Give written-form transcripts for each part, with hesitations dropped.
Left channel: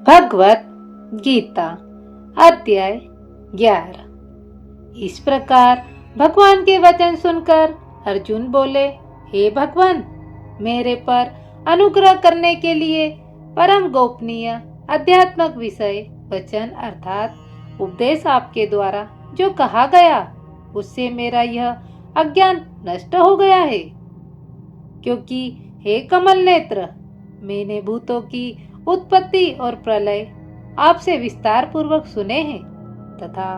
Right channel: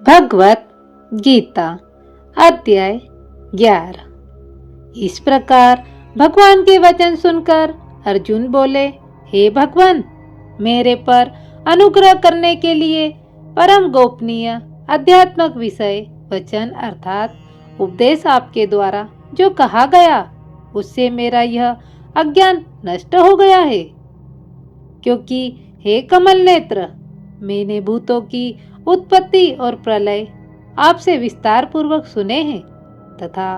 भगवत गीता अध्याय 11। इस प्रकार भगवान के वचन सुनकर अर्जुन बोले, हे भगवान, मेरे पर अनुग्रह करने के लिए परम गोपनीय आध्यात्मिक विषय वचन अर्थात उपदेश आपके द्वारा जो कहा गया उससे मेरा यह अज्ञान नष्ट हो गया है। क्योंकि हे कमल नेत्र, मैंने भूतों की उत्पत्ति और प्रलय आपसे विस्तार पूर्वक सुने हैं तथा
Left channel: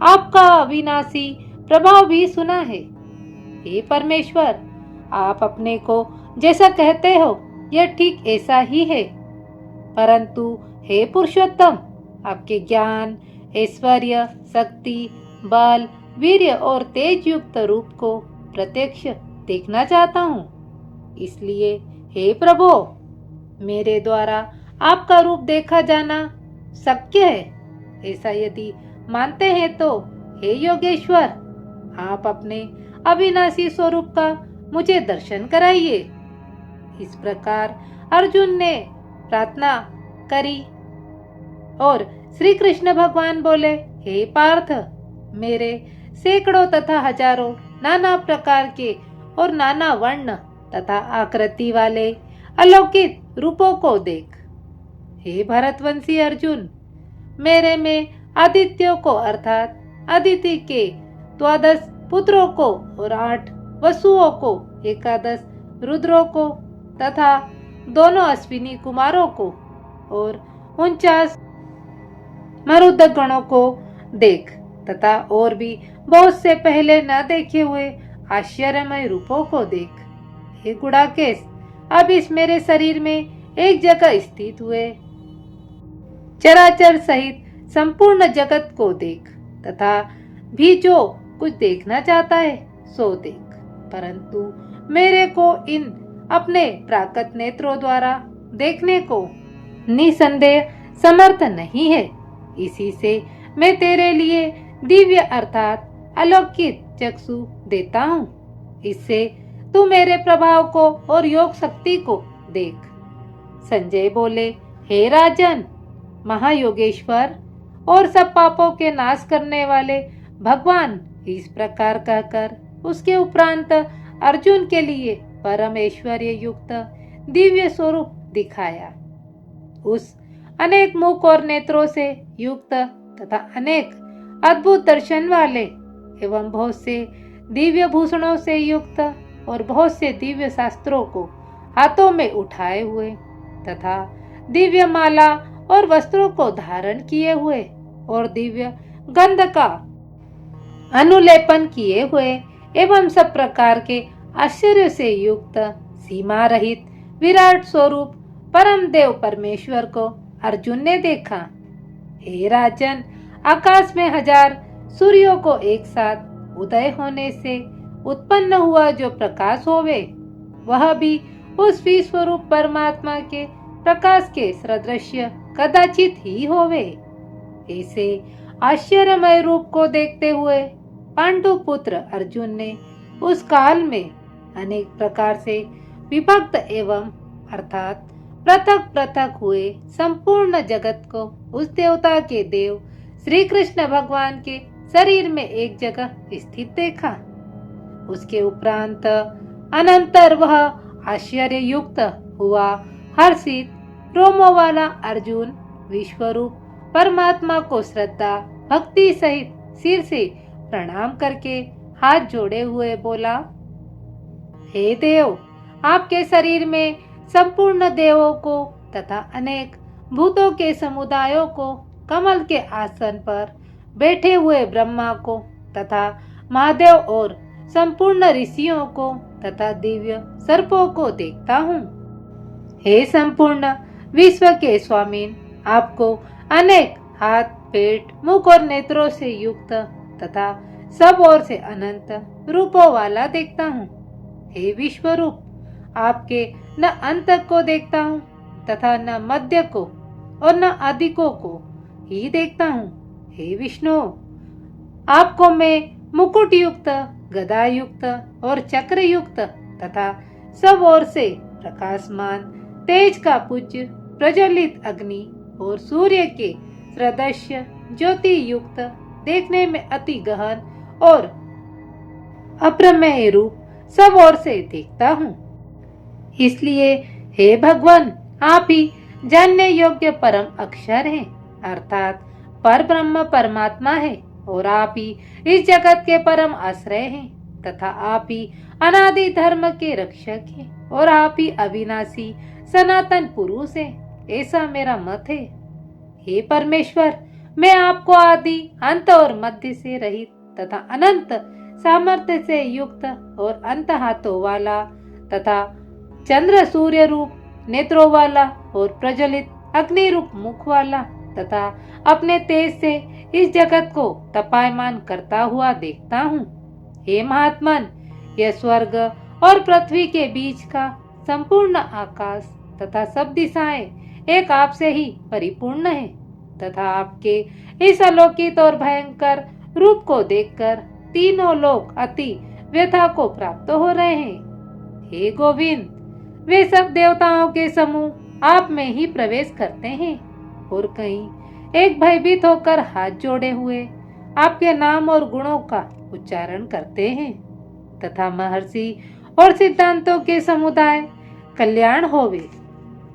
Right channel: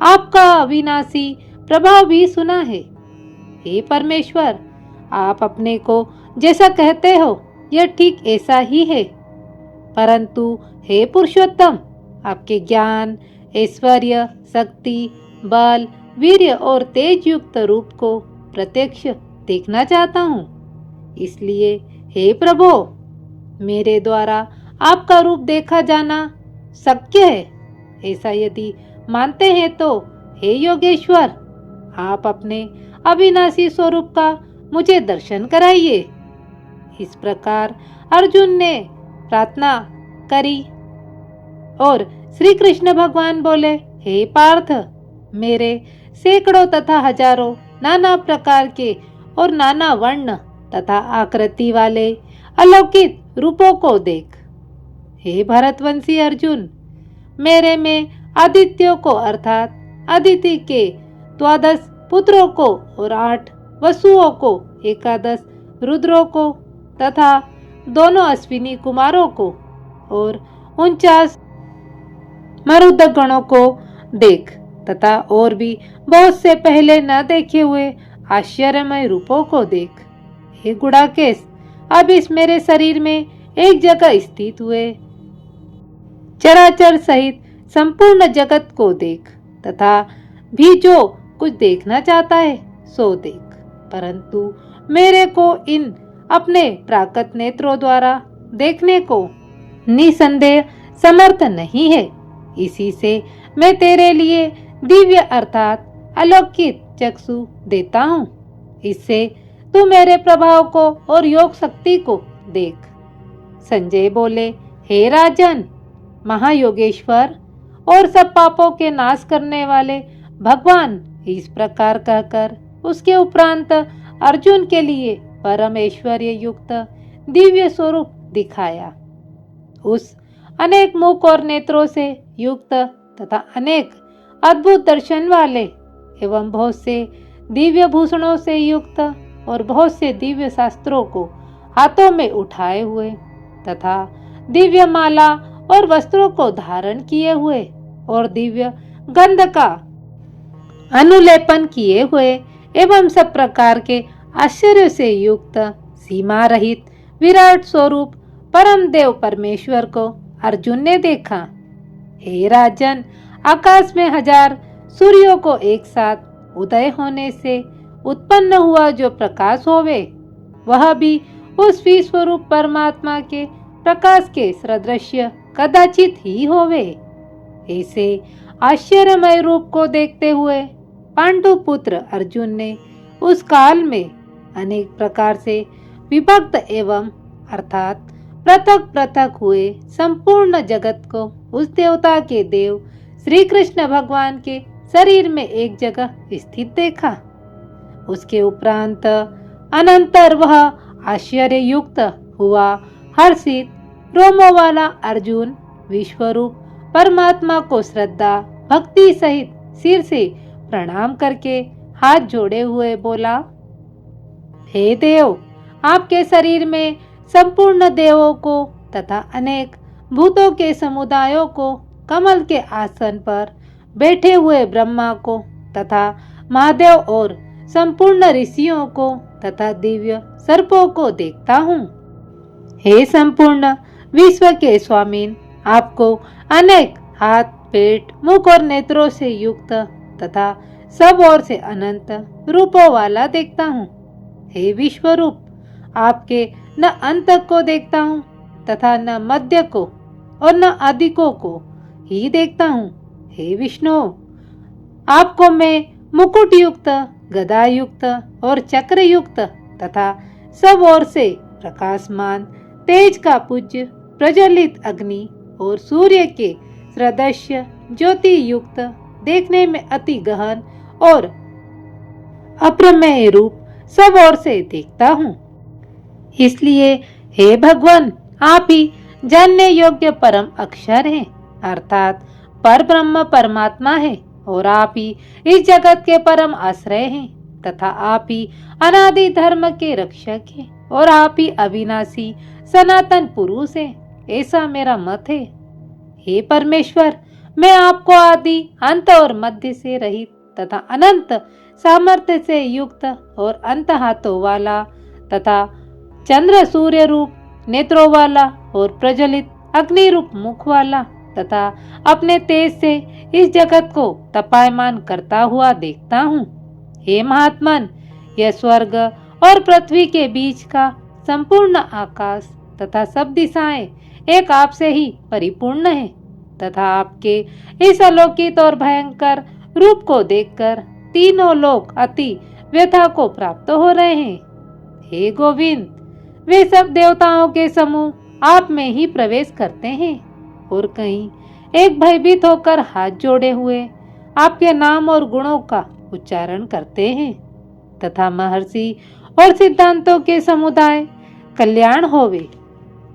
आपका अविनाशी प्रभाव भी सुना है। हे परमेश्वर, आप अपने को जैसा कहते हो यह ठीक ऐसा ही है, परंतु हे पुरुषोत्तम, आपके ज्ञान, ऐश्वर्य, शक्ति, बल, वीर्य और तेज युक्त रूप को प्रत्यक्ष देखना चाहता हूँ। इसलिए हे प्रभु, मेरे द्वारा आपका रूप देखा जाना शक्य है। ऐसा यदि मानते हैं तो हे योगेश्वर, आप अपने अविनाशी स्वरूप का मुझे दर्शन कराइए। इस प्रकार अर्जुन ने प्रार्थना करी और श्री कृष्ण भगवान बोले, हे पार्थ, मेरे सैकड़ों तथा हजारों नाना प्रकार के और नाना वर्ण तथा आकृति वाले अलौकिक रूपों को देख। हे भरतवंशी अर्जुन, मेरे में आदित्यों को अर्थात अदिति के 12 पुत्रों को और 8 वसुओं को, 11 रुद्रों को तथा दोनों अश्विनी कुमारों को और 49 मरुदगणों को देख तथा और भी बहुत से पहले न देखे हुए आश्चर्यमय रूपों को देख। हे गुड़ाकेश, अब इस मेरे शरीर में एक जगह स्थित हुए चराचर सहित संपूर्ण जगत को देख तथा भी जो कुछ देखना चाहता है सो देख, परंतु मेरे को इन अपने प्राकृत नेत्रों द्वारा देखने को निसंदेह समर्थ नहीं है। इसी से मैं तेरे लिए दिव्य अर्थात अलौकिक चक्षु देता हूँ। इससे तू मेरे प्रभाव को और योग शक्ति को देख। संजय बोले, हे राजन, महायोगेश्वर और सब पापों के नाश करने वाले भगवान इस प्रकार कहकर उसके उपरांत अर्जुन के लिए परम ऐश्वर्य युक्त दिव्य स्वरूप दिखाया। उस अनेक मुख और नेत्रों से युक्त तथा अनेक अद्भुत दर्शन वाले एवं बहुत से दिव्य भूषणों से युक्त और बहुत से दिव्य शास्त्रों को हाथों में उठाए हुए तथा दिव्य माला और वस्त्रों को धारण किए हुए और दिव्य गंध का अनुलेपन किए हुए एवं सब प्रकार के आश्चर्य से युक्त सीमा रहित विराट स्वरूप परम देव परमेश्वर को अर्जुन ने देखा। हे राजन, आकाश में 1000 सूर्यों को एक साथ उदय होने से उत्पन्न हुआ जो प्रकाश होवे, वह भी उस विश्वरूप परमात्मा के प्रकाश के सदृश्य कदाचित ही होवे। ऐसे आश्चर्यमय रूप को देखते हुए पांडु पुत्र अर्जुन ने उस काल में अनेक प्रकार से विभक्त एवं अर्थात पृथक पृथक हुए संपूर्ण जगत को उस देवता के देव श्री कृष्ण भगवान के शरीर में एक जगह स्थित देखा। उसके उपरांत अनंतर वह आश्चर्य युक्त हुआ हर्षित रोमों वाला अर्जुन विश्वरूप परमात्मा को श्रद्धा भक्ति सहित सिर से प्रणाम करके हाथ जोड़े हुए बोला, हे देव, आपके शरीर में संपूर्ण देवों को तथा अनेक भूतों के समुदायों को, कमल के आसन पर बैठे हुए ब्रह्मा को तथा महादेव और संपूर्ण ऋषियों को तथा दिव्य सर्पों को देखता हूँ। हे संपूर्ण विश्व के स्वामीन, आपको अनेक हाथ, पेट, मुख और नेत्रों से युक्त तथा सब ओर से अनंत रूपों वाला देखता हूँ। हे विश्वरूप, आपके न अंत को देखता हूँ तथा न मध्य को और न आदिकों को ही देखता हूँ। हे विष्णु, आपको मैं मुकुट युक्त, गदा युक्त और चक्र युक्त तथा सब ओर से प्रकाशमान तेज का पूज्य प्रज्वलित अग्नि और सूर्य के सदृश्य ज्योति युक्त, देखने में अति गहन और अप्रमेय रूप सब ओर से देखता हूँ। इसलिए हे भगवान, आप ही जानने योग्य परम अक्षर हैं, अर्थात पर ब्रह्म परमात्मा है, और आप ही इस जगत के परम आश्रय हैं, तथा आप ही अनादि धर्म के रक्षक हैं, और आप ही अविनाशी सनातन पुरुष हैं, ऐसा मेरा मत है। हे परमेश्वर, मैं आपको आदि अंत और मध्य से रहित तथा अनंत सामर्थ्य से युक्त और अंत हाथों वाला तथा चंद्र सूर्य रूप नेत्रों वाला और प्रज्वलित अग्नि रूप मुख वाला तथा अपने तेज से इस जगत को तपायमान करता हुआ देखता हूँ। हे महात्मन, यह स्वर्ग और पृथ्वी के बीच का संपूर्ण आकाश तथा सब दिशाएं एक आप से ही परिपूर्ण है, तथा आपके इस अलौकिक और भयंकर रूप को देखकर तीनों लोग अति व्यथा को प्राप्त हो रहे हैं। हे गोविंद, वे सब देवताओं के समूह आप में ही प्रवेश करते हैं, और कहीं एक भयभीत होकर हाथ जोड़े हुए आपके नाम और गुणों का उच्चारण करते हैं, तथा महर्षि और सिद्धांतों के समुदाय कल्याण होवे,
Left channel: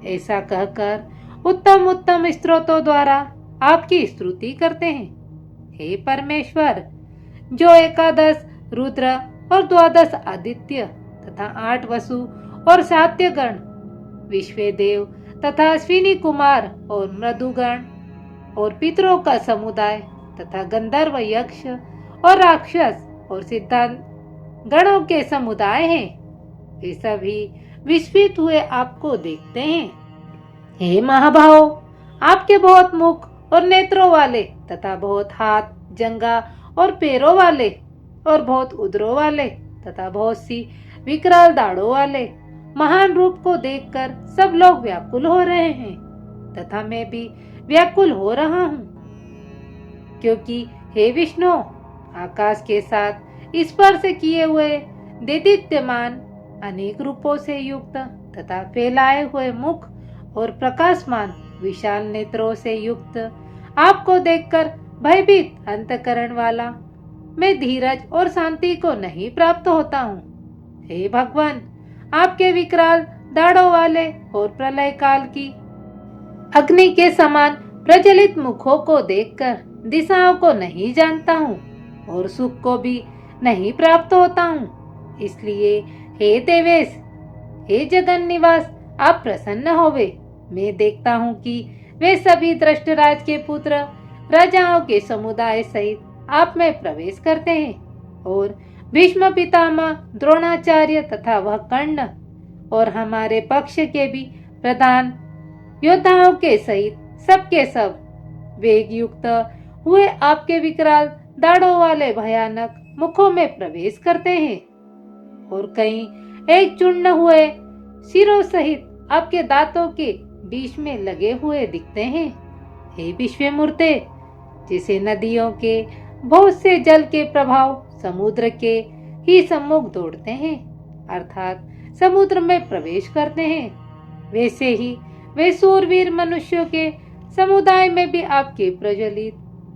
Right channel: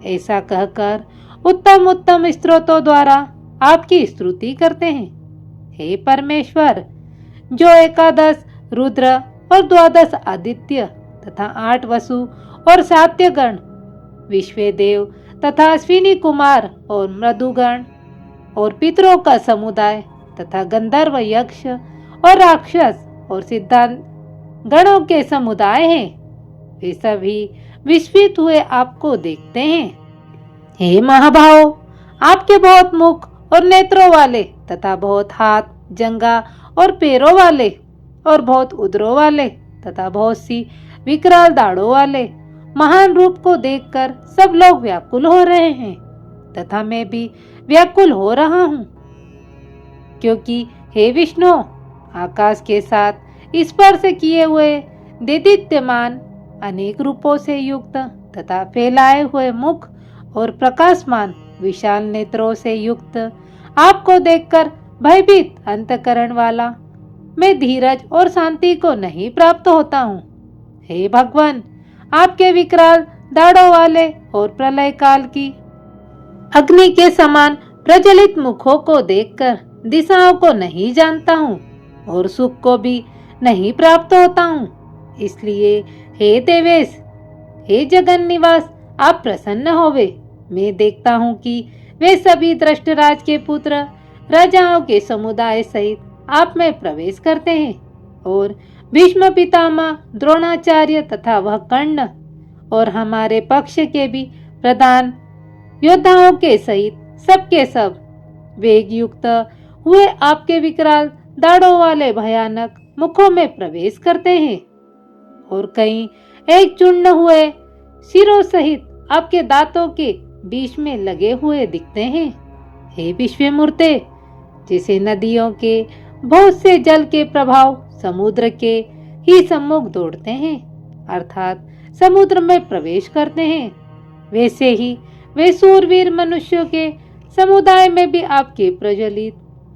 ऐसा कहकर उत्तम उत्तम स्तोत्रों द्वारा आपकी स्तुति करते हैं। हे परमेश्वर, जो 11 रुद्र और 12 आदित्य तथा 8 वसु और सात्यगण, विश्वदेव तथा अश्विनी कुमार और मृदुगण और पितरों का समुदाय तथा गंधर्व यक्ष और राक्षस और सिद्धांत गणों के समुदाय हैं, वे सभी विस्मित हुए आपको देखते हैं। हे महाभाव, आपके बहुत मुख और नेत्रों वाले तथा बहुत हाथ, जंगा और पैरों वाले और बहुत उदरों वाले तथा बहुत सी विकराल दाढ़ों वाले महान रूप को देखकर सब लोग व्याकुल हो रहे हैं, तथा मैं भी व्याकुल हो रहा हूँ, क्योंकि हे विष्णु, आकाश के साथ स्पर्श किए हुए देदीप्यमान अनेक रूपों से युक्त तथा फैलाए हुए मुख और प्रकाशमान विशाल नेत्रों से युक्त आपको देखकर भयभीत अंतकरण वाला मैं धीरज और शांति को नहीं प्राप्त होता हूँ। हे भगवान, आपके विकराल दाढ़ों वाले और प्रलय काल की अग्नि के समान प्रज्वलित मुखों को देखकर दिशाओं को नहीं जानता हूँ और सुख को भी नहीं प्राप्त होता हूँ। इसलिए हे देवेश, हे जगन निवास, आप प्रसन्न होवे। मैं देखता हूँ कि वे सभी दृष्टराज के पुत्र राजाओं के समुदाय सहित आप में प्रवेश करते हैं, और भीष्म पितामह, द्रोणाचार्य तथा वह कर्ण और हमारे पक्ष के भी प्रधान योद्धाओं के सहित सबके सब वेग युक्त हुए आपके विकराल दाढ़ों वाले भयानक मुखों में प्रवेश करते हैं, और कहीं एक चूर्ण हुए सिरों सहित आपके दांतों के बीच में लगे हुए दिखते हैं। हे विश्वमूर्ते, जैसे नदियों के बहुत से जल के प्रभाव समुद्र के ही सम्मुख दौड़ते हैं, अर्थात समुद्र में प्रवेश करते हैं, वैसे ही वे सूरवीर मनुष्यों के समुदाय में भी आपके प्रज्वलित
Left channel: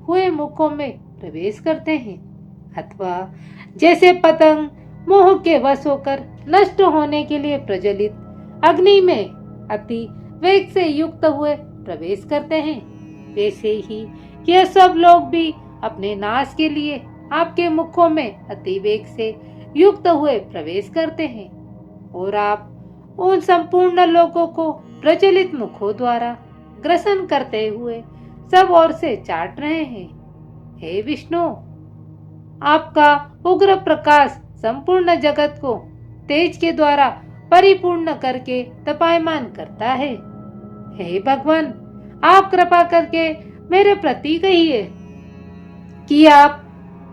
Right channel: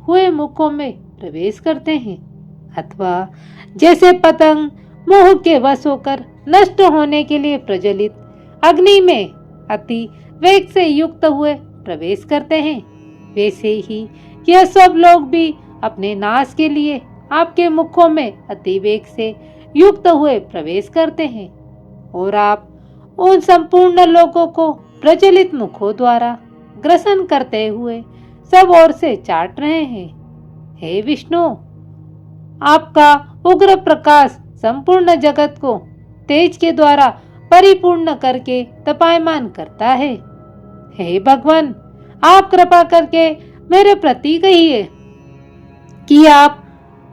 हुए मुखों में प्रवेश करते हैं, अथवा जैसे पतंग मोह के वश होकर नष्ट होने के लिए प्रज्वलित अग्नि में अति वेग से युक्त हुए प्रवेश करते हैं, वैसे ही यह सब लोग भी अपने नाश के लिए आपके मुखों में अति वेग से युक्त हुए प्रवेश करते हैं, और आप उन संपूर्ण लोगों को प्रचलित मुखों द्वारा ग्रसन करते हुए सब ओर से चाट रहे हैं। हे विष्णु, आपका उग्र प्रकाश संपूर्ण जगत को तेज के द्वारा परिपूर्ण करके तपायमान करता है। हे भगवान, आप कृपा करके मेरे प्रति कहिए कि आप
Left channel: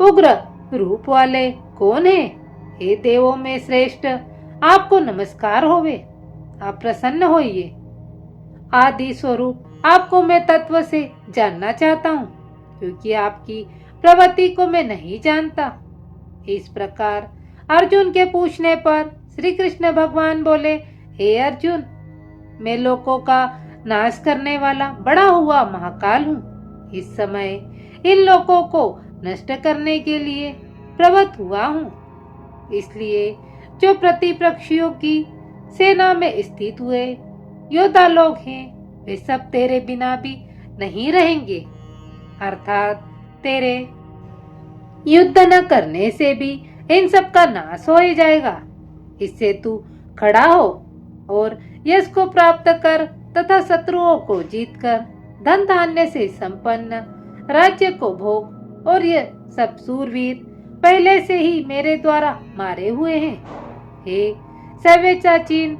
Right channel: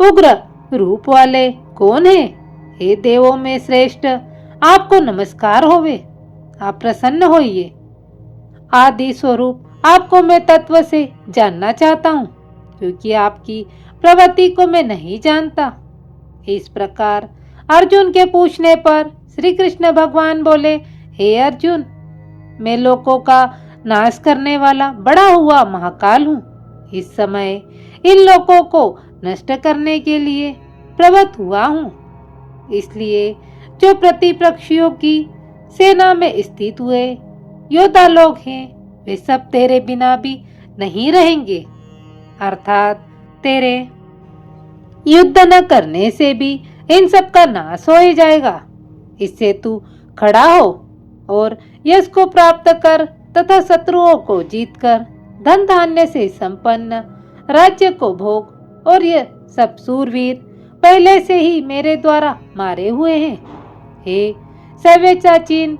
उग्र रूप वाले कौन हैं? हे देवों में श्रेष्ठ, आपको नमस्कार होवे। आप प्रसन्न होइए। आदि स्वरूप आपको मैं तत्व से जानना चाहता हूँ, क्योंकि आपकी प्रवृत्ति को मैं नहीं जानता। इस प्रकार अर्जुन के पूछने पर श्री कृष्ण भगवान बोले, हे अर्जुन, मैं लोगों का नाश करने वाला बड़ा हुआ महाकाल हूँ। इस समय इन लोगों को नष्ट करने के लिए प्रवृत्त हुआ हूँ। इसलिए जो प्रतिपक्षियों की सेना में स्थित हुए योद्धा लोग हैं, वे सब तेरे बिना भी नहीं रहेंगे, अर्थात तेरे युद्ध न करने से भी इन सब का नाश हो ही जाएगा। इससे तू खड़ा हो और यश को प्राप्त कर तथा शत्रुओं को जीतकर धन धान्य से संपन्न राज्य को भोग। और ये सब सूरवीर पहले से ही मेरे द्वारा मारे हुए हैं। हे सव्यचाचीन,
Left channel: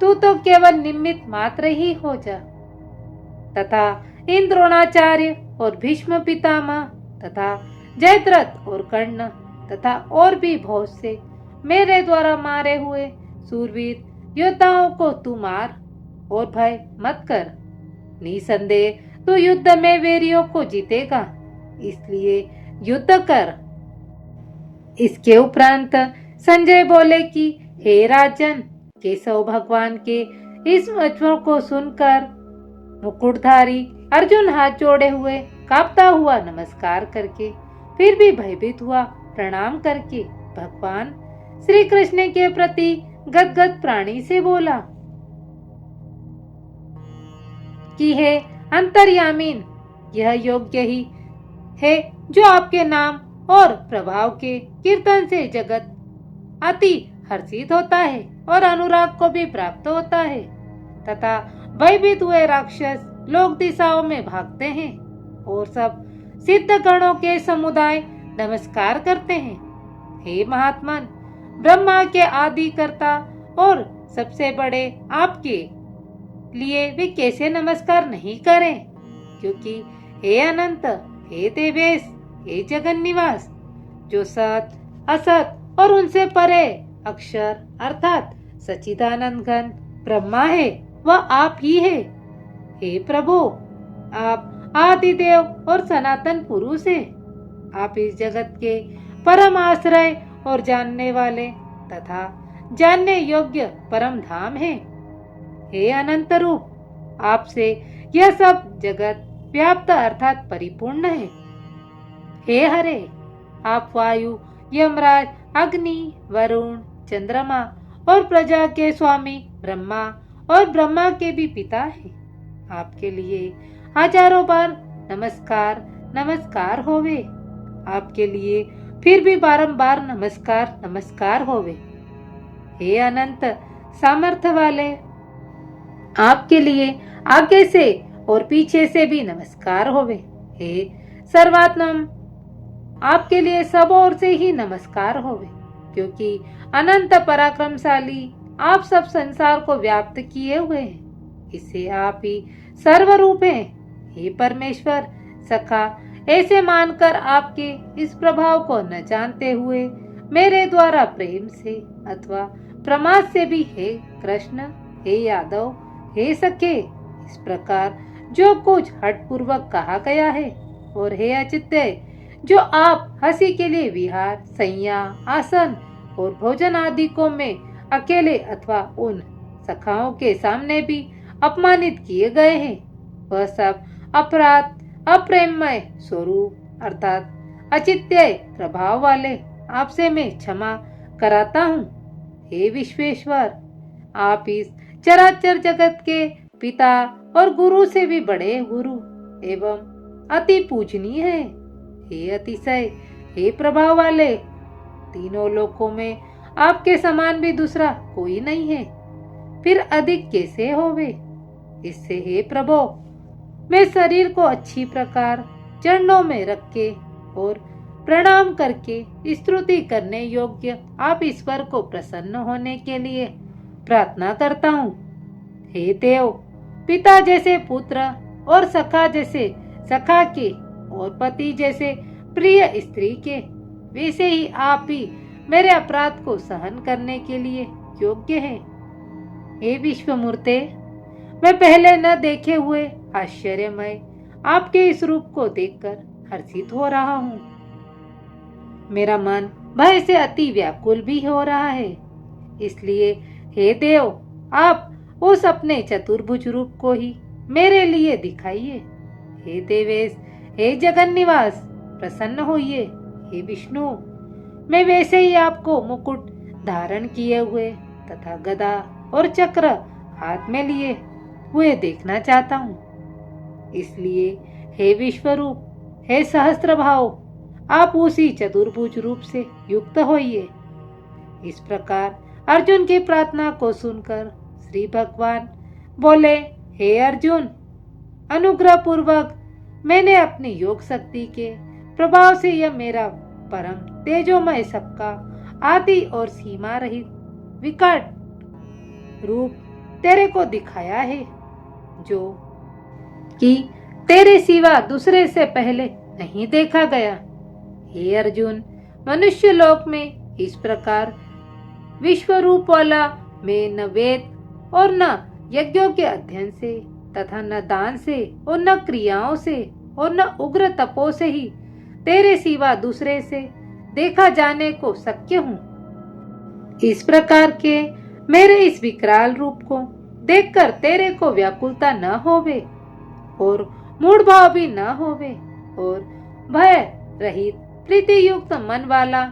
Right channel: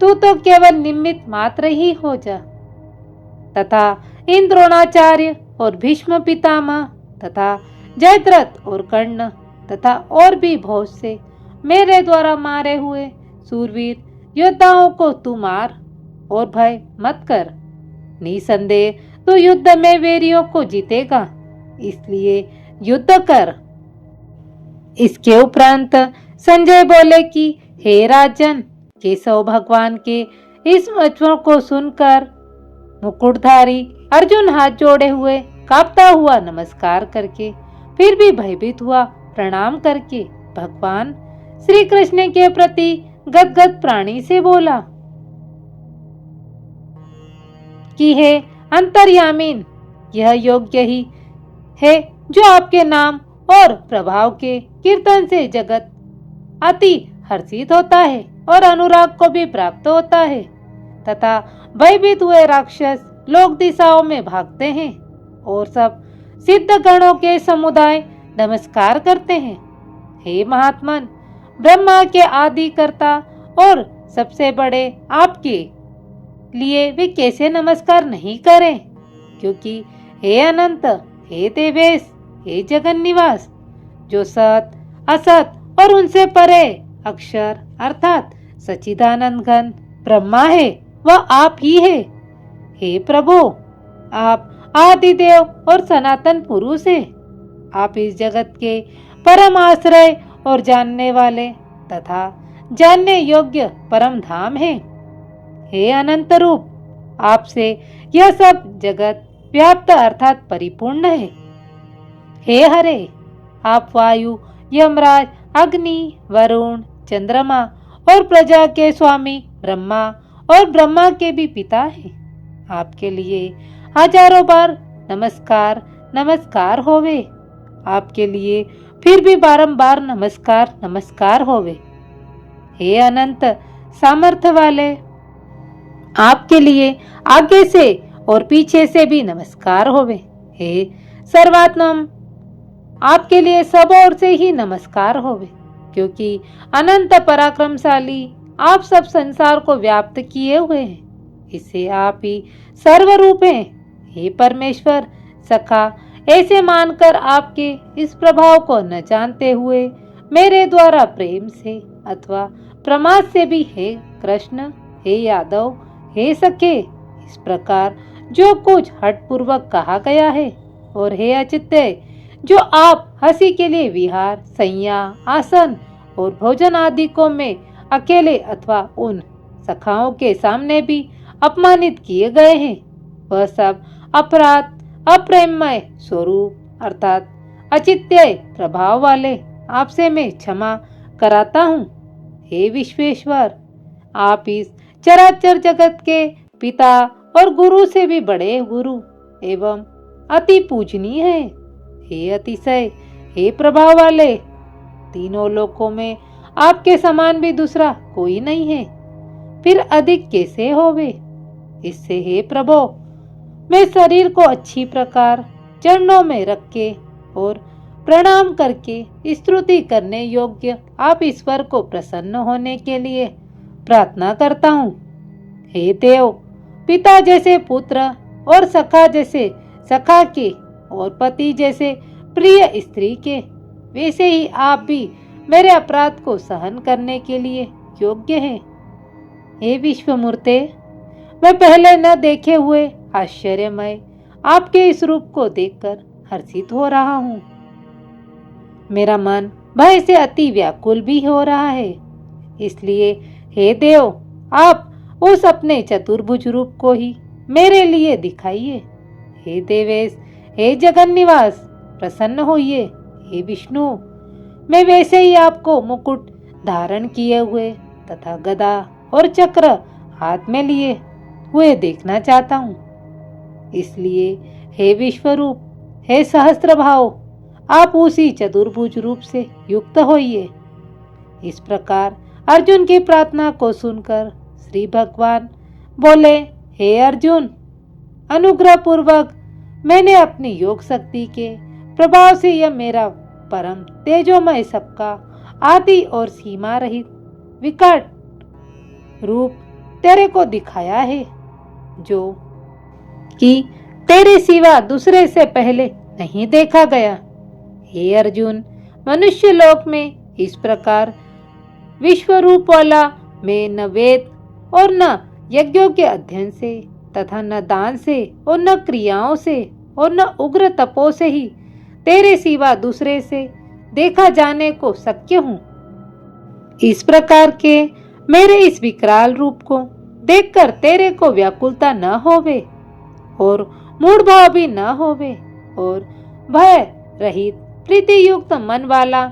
तू तो केवल निमित्त मात्र ही हो जा, तथा इन द्रोणाचार्य और भीष्म पितामह तथा जयद्रथ और कर्ण तथा और भी बहुत से मेरे द्वारा मारे हुए सूरवीर योद्धाओं को तू मार और भय मत कर। निसंदेह तू युद्ध में वीरों को जीतेगा, इसलिए युद्ध कर। इसके उपरांत संजय बोले कि हे राजन, केशव भगवान के इस वचन को सुनकर मुकुटधारी अर्जुन हाथ जोड़े हुए कांपता हुआ नमस्कार करके फिर भी भयभीत हुआ प्रणाम करके भगवान श्री कृष्ण के प्रति गदगद प्राणी से बोला कि हे अंतर्यामीन, यह योग्य ही है जो आपके नाम और प्रभाव के कीर्तन से जगत अति हर्षित होता है और अनुराग को भी प्राप्त होता है, तथा भयभीत हुए राक्षस लोक दिशाओं में भागते हैं और सब सिद्ध गणों के समुदाय नमस्कार करते हैं। हे महात्मन, ब्रह्मा के आदि कर्ता और सबसे बड़े आपके लिए वे कैसे नमस्कार नहीं करें, क्योंकि हे अनंत, हे देवेश, हे जगन निवास, जो सत असत और उनसे परे अक्षर अर्थात सच्चिदानंद घन ब्रह्मा है, वह आप ही है। हे प्रभु, आप आदिदेव और सनातन पुरुष है। आप इस जगत के परम आश्रय और जानने वाले तथा जानने योग्य परम धाम है। हे अनंत रूप, आपसे यह सब जगत व्याप्त अर्थात परिपूर्ण है। हे हरे, आप वायु, यमराज, अग्नि, वरुण, चंद्रमा और प्रजा के स्वामी ब्रह्मा और ब्रह्मा के भी पिता हैं। आपके लिए हजारों बार नमस्कार नमस्कार होवे। आपके लिए फिर भी बारंबार नमस्कार नमस्कार होवे। हे अनंत सामर्थ्य वाले, आपके लिए आगे से और पीछे से भी नमस्कार होवे। हे सर्वात्म, आपके लिए सब ओर से ही नमस्कार होवे, क्योंकि अनंत पराक्रमशाली आप सब संसार को व्याप्त किए हुए हैं। इससे आप ही सर्वरूप हैं। हे परमेश्वर सखा, ऐसे मानकर आपके इस प्रभाव को न जानते हुए मेरे द्वारा प्रेम से अथवा प्रमाद से भी हे कृष्ण, हे यादव, हे सखे, इस प्रकार जो कुछ हठपूर्वक कहा गया है, और हे अचित्य, जो आप हंसी के लिए विहार, सैया, आसन और भोजन आदि को में अकेले अथवा उन सखाओं के सामने भी अपमानित किए गए हैं, वह सब अपराध अप्रेममय स्वरूप अर्थात अचित्य प्रभाव वाले आपसे मैं क्षमा कराता हूँ। हे विश्वेश्वर, आप इस चराचर जगत के पिता और गुरु से भी बड़े गुरु एवं अति पूजनीय हैं। हे अतिशय, हे प्रभाव वाले, तीनों लोकों में आपके समान भी दूसरा कोई नहीं है, फिर अधिक कैसे होवे। इससे हे प्रभु, मैं शरीर को अच्छी प्रकार चरणों में रख के और प्रणाम करके स्तुति करने योग्य आप ईश्वर को प्रसन्न होने के लिए प्रार्थना करता हूँ। हे देव, पिता जैसे पुत्र और सखा जैसे सखा के और पति जैसे प्रिय स्त्री के, वैसे ही आप भी मेरे अपराध को सहन करने के लिए योग्य हैं। हे विश्वमूर्ते, मैं पहले न देखे हुए आश्चर्यमय आपके इस रूप को देखकर हर्षित हो रहा हूँ। मेरा मन भय से अति व्याकुल भी हो रहा है। इसलिए हे देव, आप उस अपने चतुर्भुज रूप को ही मेरे लिए दिखाइए। हे देवेश, हे जगन निवास, प्रसन्न होइए। हे विष्णु, मैं वैसे ही आपको मुकुट धारण किए हुए तथा गदा और चक्र हाथ में लिए हुए देखना चाहता हूँ। इसलिए हे विश्वरूप, हे सहस्त्र भाव, आप उसी चतुर्भुज रूप से युक्त होइए। इस प्रकार अर्जुन की प्रार्थना को सुनकर श्री भगवान बोले, हे अर्जुन, अनुग्रह पूर्वक मैंने अपनी योग शक्ति के प्रभाव से यह मेरा परम तेजोमय सबका आदि और सीमा रहित विकट रूप तेरे को दिखाया है, जो कि तेरे सिवा दूसरे से पहले नहीं देखा गया। हे अर्जुन, मनुष्य लोक में इस प्रकार विश्व रूप वाला मैं न वेद और न यज्ञों के अध्ययन से तथा न दान से और न क्रियाओं से और न उग्र तपो से ही तेरे सिवा दूसरे से देखा जाने को शक्य हूँ। इस प्रकार के मेरे इस विकराल रूप को देखकर तेरे को व्याकुलता न होवे और मूढ़ भाव भी न होवे और भय रहित प्रीति युक्त मन वाला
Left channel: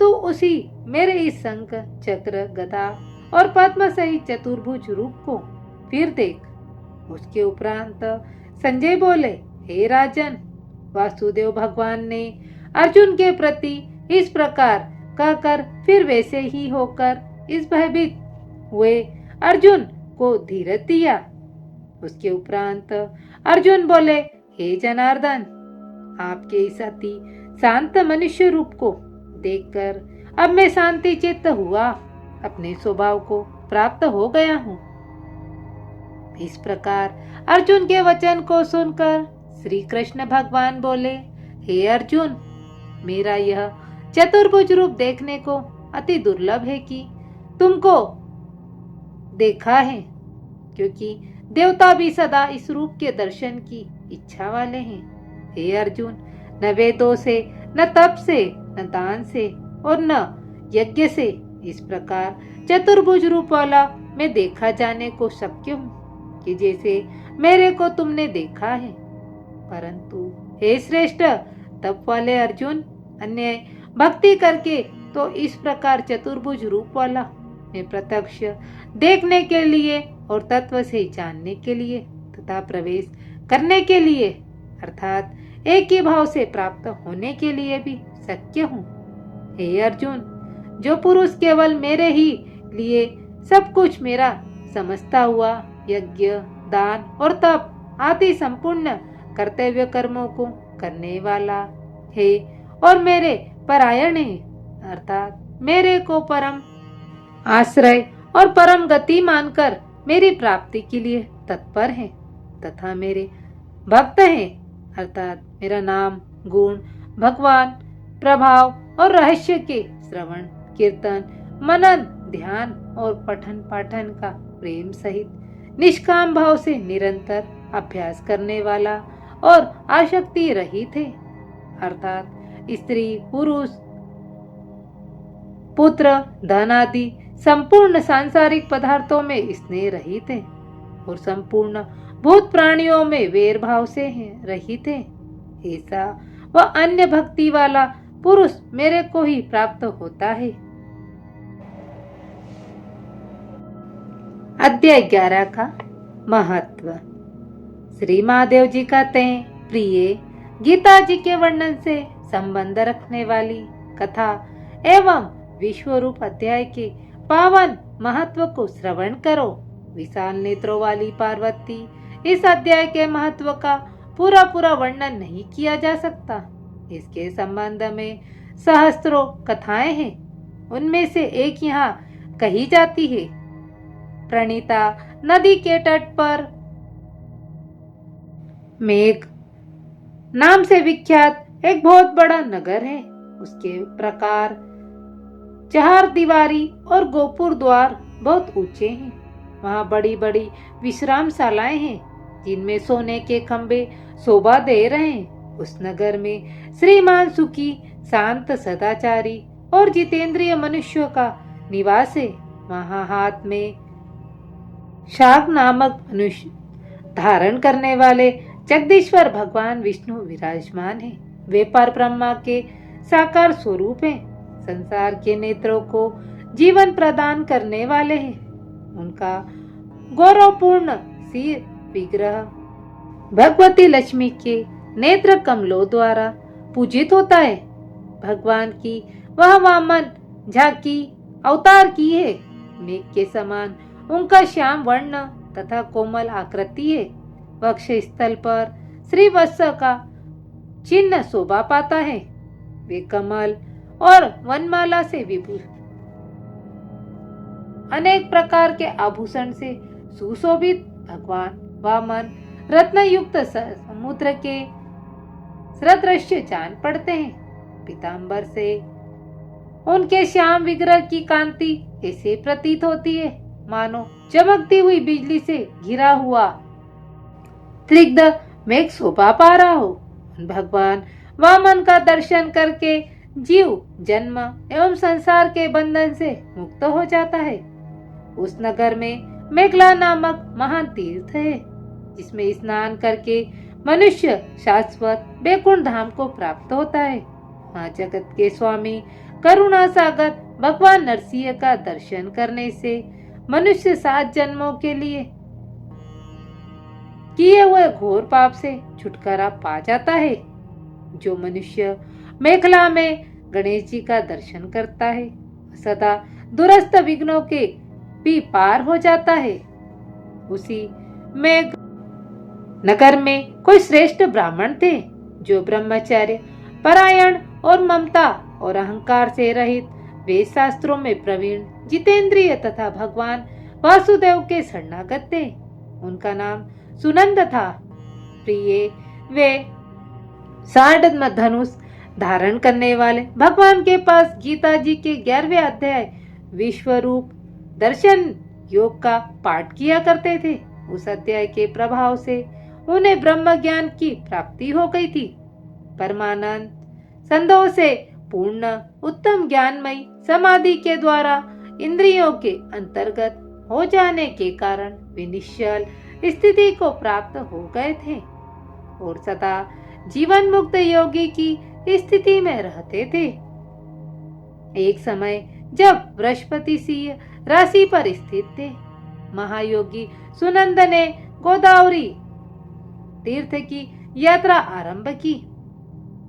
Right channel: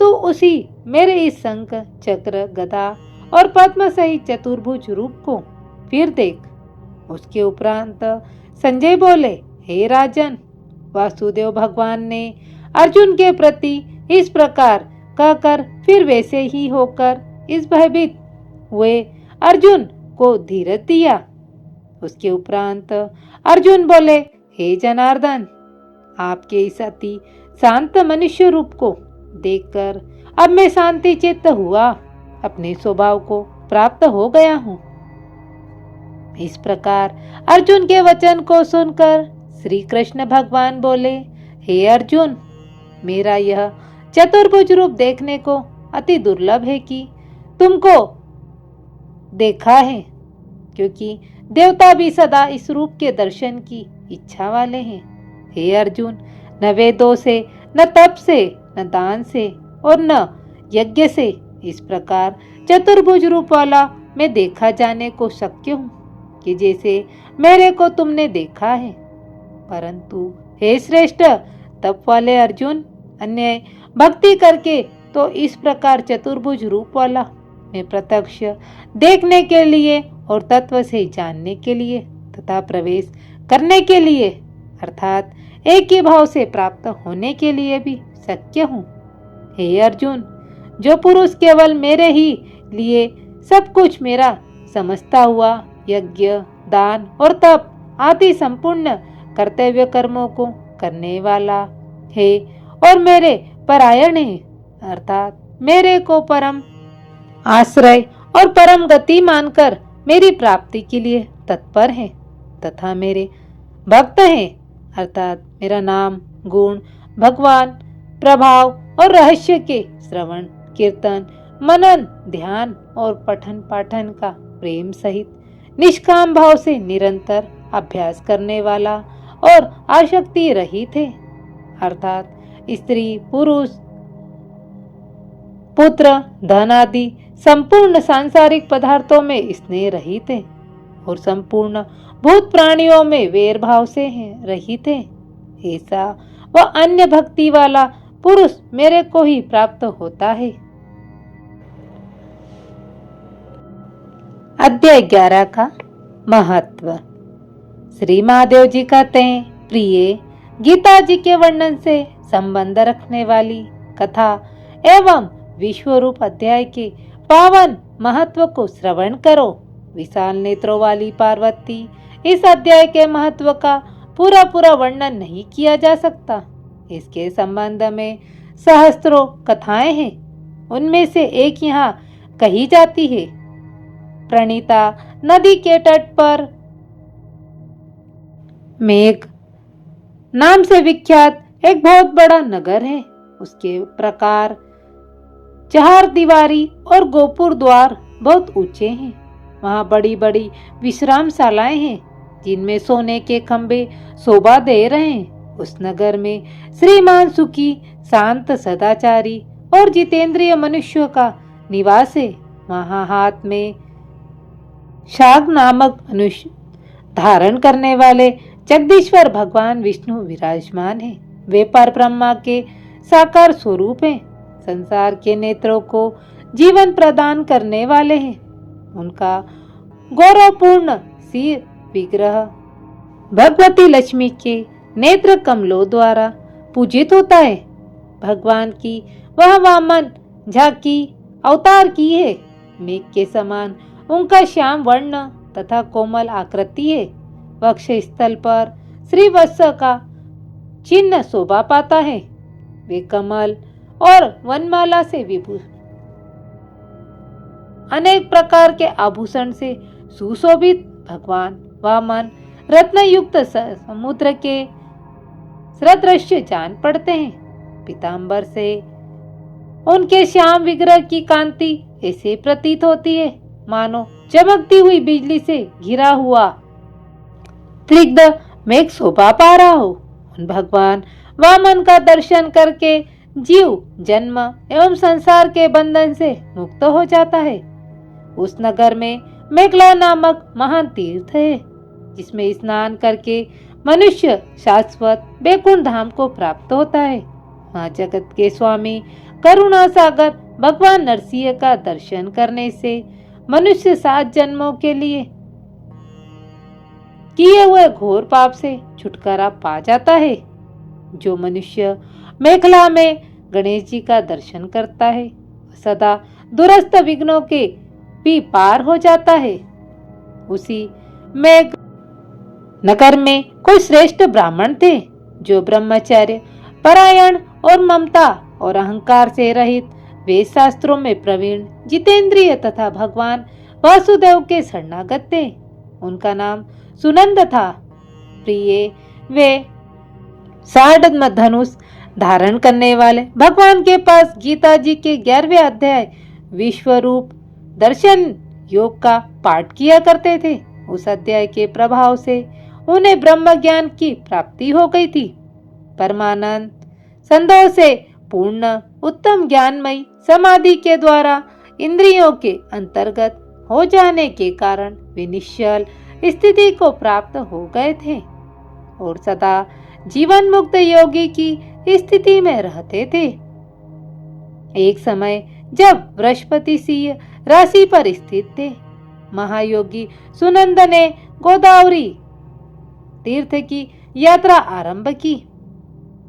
तू उसी मेरे इस शंख चक्र गदा और पद्म सहित चतुर्भुज रूप को फिर देख। उसके उपरांत संजय बोले, हे राजन, वासुदेव भगवान ने अर्जुन के प्रति इस प्रकार कहकर फिर वैसे ही होकर इस भयभीत हुए अर्जुन को धीरज दिया। उसके उपरांत अर्जुन बोले, हे जनार्दन, आपके इस अति शांत मनुष्य रूप को देखकर अब मैं शांति चित्त हुआ अपने स्वभाव को प्राप्त हो गया हूँ। इस प्रकार अर्जुन के वचन को सुनकर श्री कृष्ण भगवान बोले, हे अर्जुन, मेरा यह चतुर्भुज रूप देखने को अति दुर्लभ है कि तुमको देखा है, क्योंकि देवता भी सदा इस रूप के दर्शन की इच्छा वाले हैं। हे अर्जुन, न वेदों से, न तप से, न दान से और न यज्ञ से इस प्रकार चतुर्भुज रूप वाला मैं देखा जाने को शक्य हूँ कि जैसे मेरे को तुमने देखा है। परंतु हे श्रेष्ठ तप वाले अर्जुन, अन्य भक्ति करके तो इस प्रकार चतुर्भुज रूप वाला मैं प्रत्यक्ष देखने के लिए और तत्व से जानने के लिए तथा प्रवेश करने के लिए अर्थात एक ही भाव से प्राप्त होने के लिए भी शक्य हूँ। हे अर्जुन, जो पुरुष केवल मेरे ही लिए सब कुछ मेरा समझता हुआ यज्ञ, दान और तप आदि संपूर्ण कर्तव्य कर्मों को करने वाला है और मेरे परायण है, अर्थात मेरे को परम आश्रय और परम गति मानकर मेरी प्राप्ति के लिए तत्पर है तथा मेरे भक्त हैं, अर्थात मेरा नाम, गुण, भगवान, प्रभाव और रहस्य के श्रवण, कीर्तन, मनन, ध्यान और पठन पाठन का प्रेम सहित निष्काम भाव से निरंतर अभ्यास करने वाला और आसक्ति रहित है, अर्थात स्त्री, पुरुष, पुत्र, धन आदि संपूर्ण सांसारिक पदार्थों में स्नेह रहित है और संपूर्ण भूत प्राणियों में वैर भाव से रहित है। ऐसा वह अन्य भक्ति वाला पुरुष मेरे को ही प्राप्त होता है। अध्याय 11 का महत्व। श्री महादेव जी कहते हैं, प्रिय, गीता जी के वर्णन से संबंध रखने वाली कथा एवं विश्व रूप अध्याय के पावन महत्व को श्रवण करो। विशाल नेत्रों वाली पार्वती, इस अध्याय के महत्व का पूरा पूरा वर्णन नहीं किया जा सकता। इसके संबंध में सहस्त्रों कथाएं हैं। उनमें से एक यहाँ कही जाती है। प्रणीता नदी के तट पर मेघ नाम से विख्यात एक बहुत बड़ा नगर है। उसके प्रकार चार दीवारी और गोपुर द्वार बहुत ऊंचे हैं। वहाँ बड़ी बड़ी विश्रामशालाएं हैं जिनमें सोने के खंबे शोभा दे रहे हैं। उस नगर में श्रीमान सुखी, शांत, सदाचारी और जितेंद्रिय मनुष्यों का निवास है। वहाँ हाथ में शाग नामक मनुष्य धारण करने वाले जगदीश्वर भगवान विष्णु विराजमान हैं। वे पर ब्रह्मा के साकार स्वरूप हैं। संसार के नेत्रों को जीवन प्रदान करने वाले हैं। उनका गौरवपूर्ण सिर विग्रह भगवती लक्ष्मी के नेत्र कमलों द्वारा पूजित होता है। भगवान की वह वामन झांकी अवतार की है। मेघ के समान उनका श्याम वर्ण तथा कोमल आकृति है। वक्ष स्थल पर श्रीवत्स का चिन्ह शोभा पाता है। वे कमल और वनमाला से विभूषित अनेक प्रकार के आभूषण से सुशोभित भगवान वामन रत्न युक्त समुद्र के सदृश्य जान पड़ते हैं। पीतांबर से उनके श्याम विग्रह की कांति ऐसे प्रतीत होती है मानो चमकती हुई बिजली से घिरा हुआ त्रिग्ध मेघ शोभा पा रहा हो। भगवान वामन का दर्शन करके जीव जन्म एवं संसार के बंधन से मुक्त हो जाता है। उस नगर में मेघला नामक महान तीर्थ है, जिसमें स्नान करके मनुष्य शाश्वत बैकुंठ धाम को प्राप्त होता है। वहाँ जगत के स्वामी करुणा सागर भगवान नरसिंह का दर्शन करने से मनुष्य 7 जन्मों के लिए किए हुए घोर पाप से छुटकारा पा जाता है। जो मनुष्य मेखला में गणेश जी का दर्शन करता है सदा दूरस्थ विघ्नों के भी पार हो जाता है। उसी मेघ नगर में कोई श्रेष्ठ ब्राह्मण थे जो ब्रह्मचर्य परायण और ममता और अहंकार से रहित वेद शास्त्रों में प्रवीण जितेंद्रिय तथा भगवान वासुदेव के शरणागत थे। उनका नाम सुनंद था। प्रिय वे साढ़ धनुष धारण करने वाले भगवान के पास गीता जी के 11वें अध्याय विश्वरूप दर्शन योग का पाठ किया करते थे। उस अध्याय के प्रभाव से उन्हें ब्रह्म ज्ञान की प्राप्ति हो गई थी। परमानंद संदेह से पूर्ण उत्तम ज्ञानमयी समाधि के द्वारा इंद्रियों के अंतर्गत हो जाने के कारण वे निश्चल स्थिति को प्राप्त हो गए थे और सदा जीवन मुक्त योगी की स्थिति में रहते थे। एक समय जब बृहस्पति सिंह राशि पर स्थित थे, महायोगी सुनंद ने गोदावरी तीर्थ की यात्रा आरंभ की।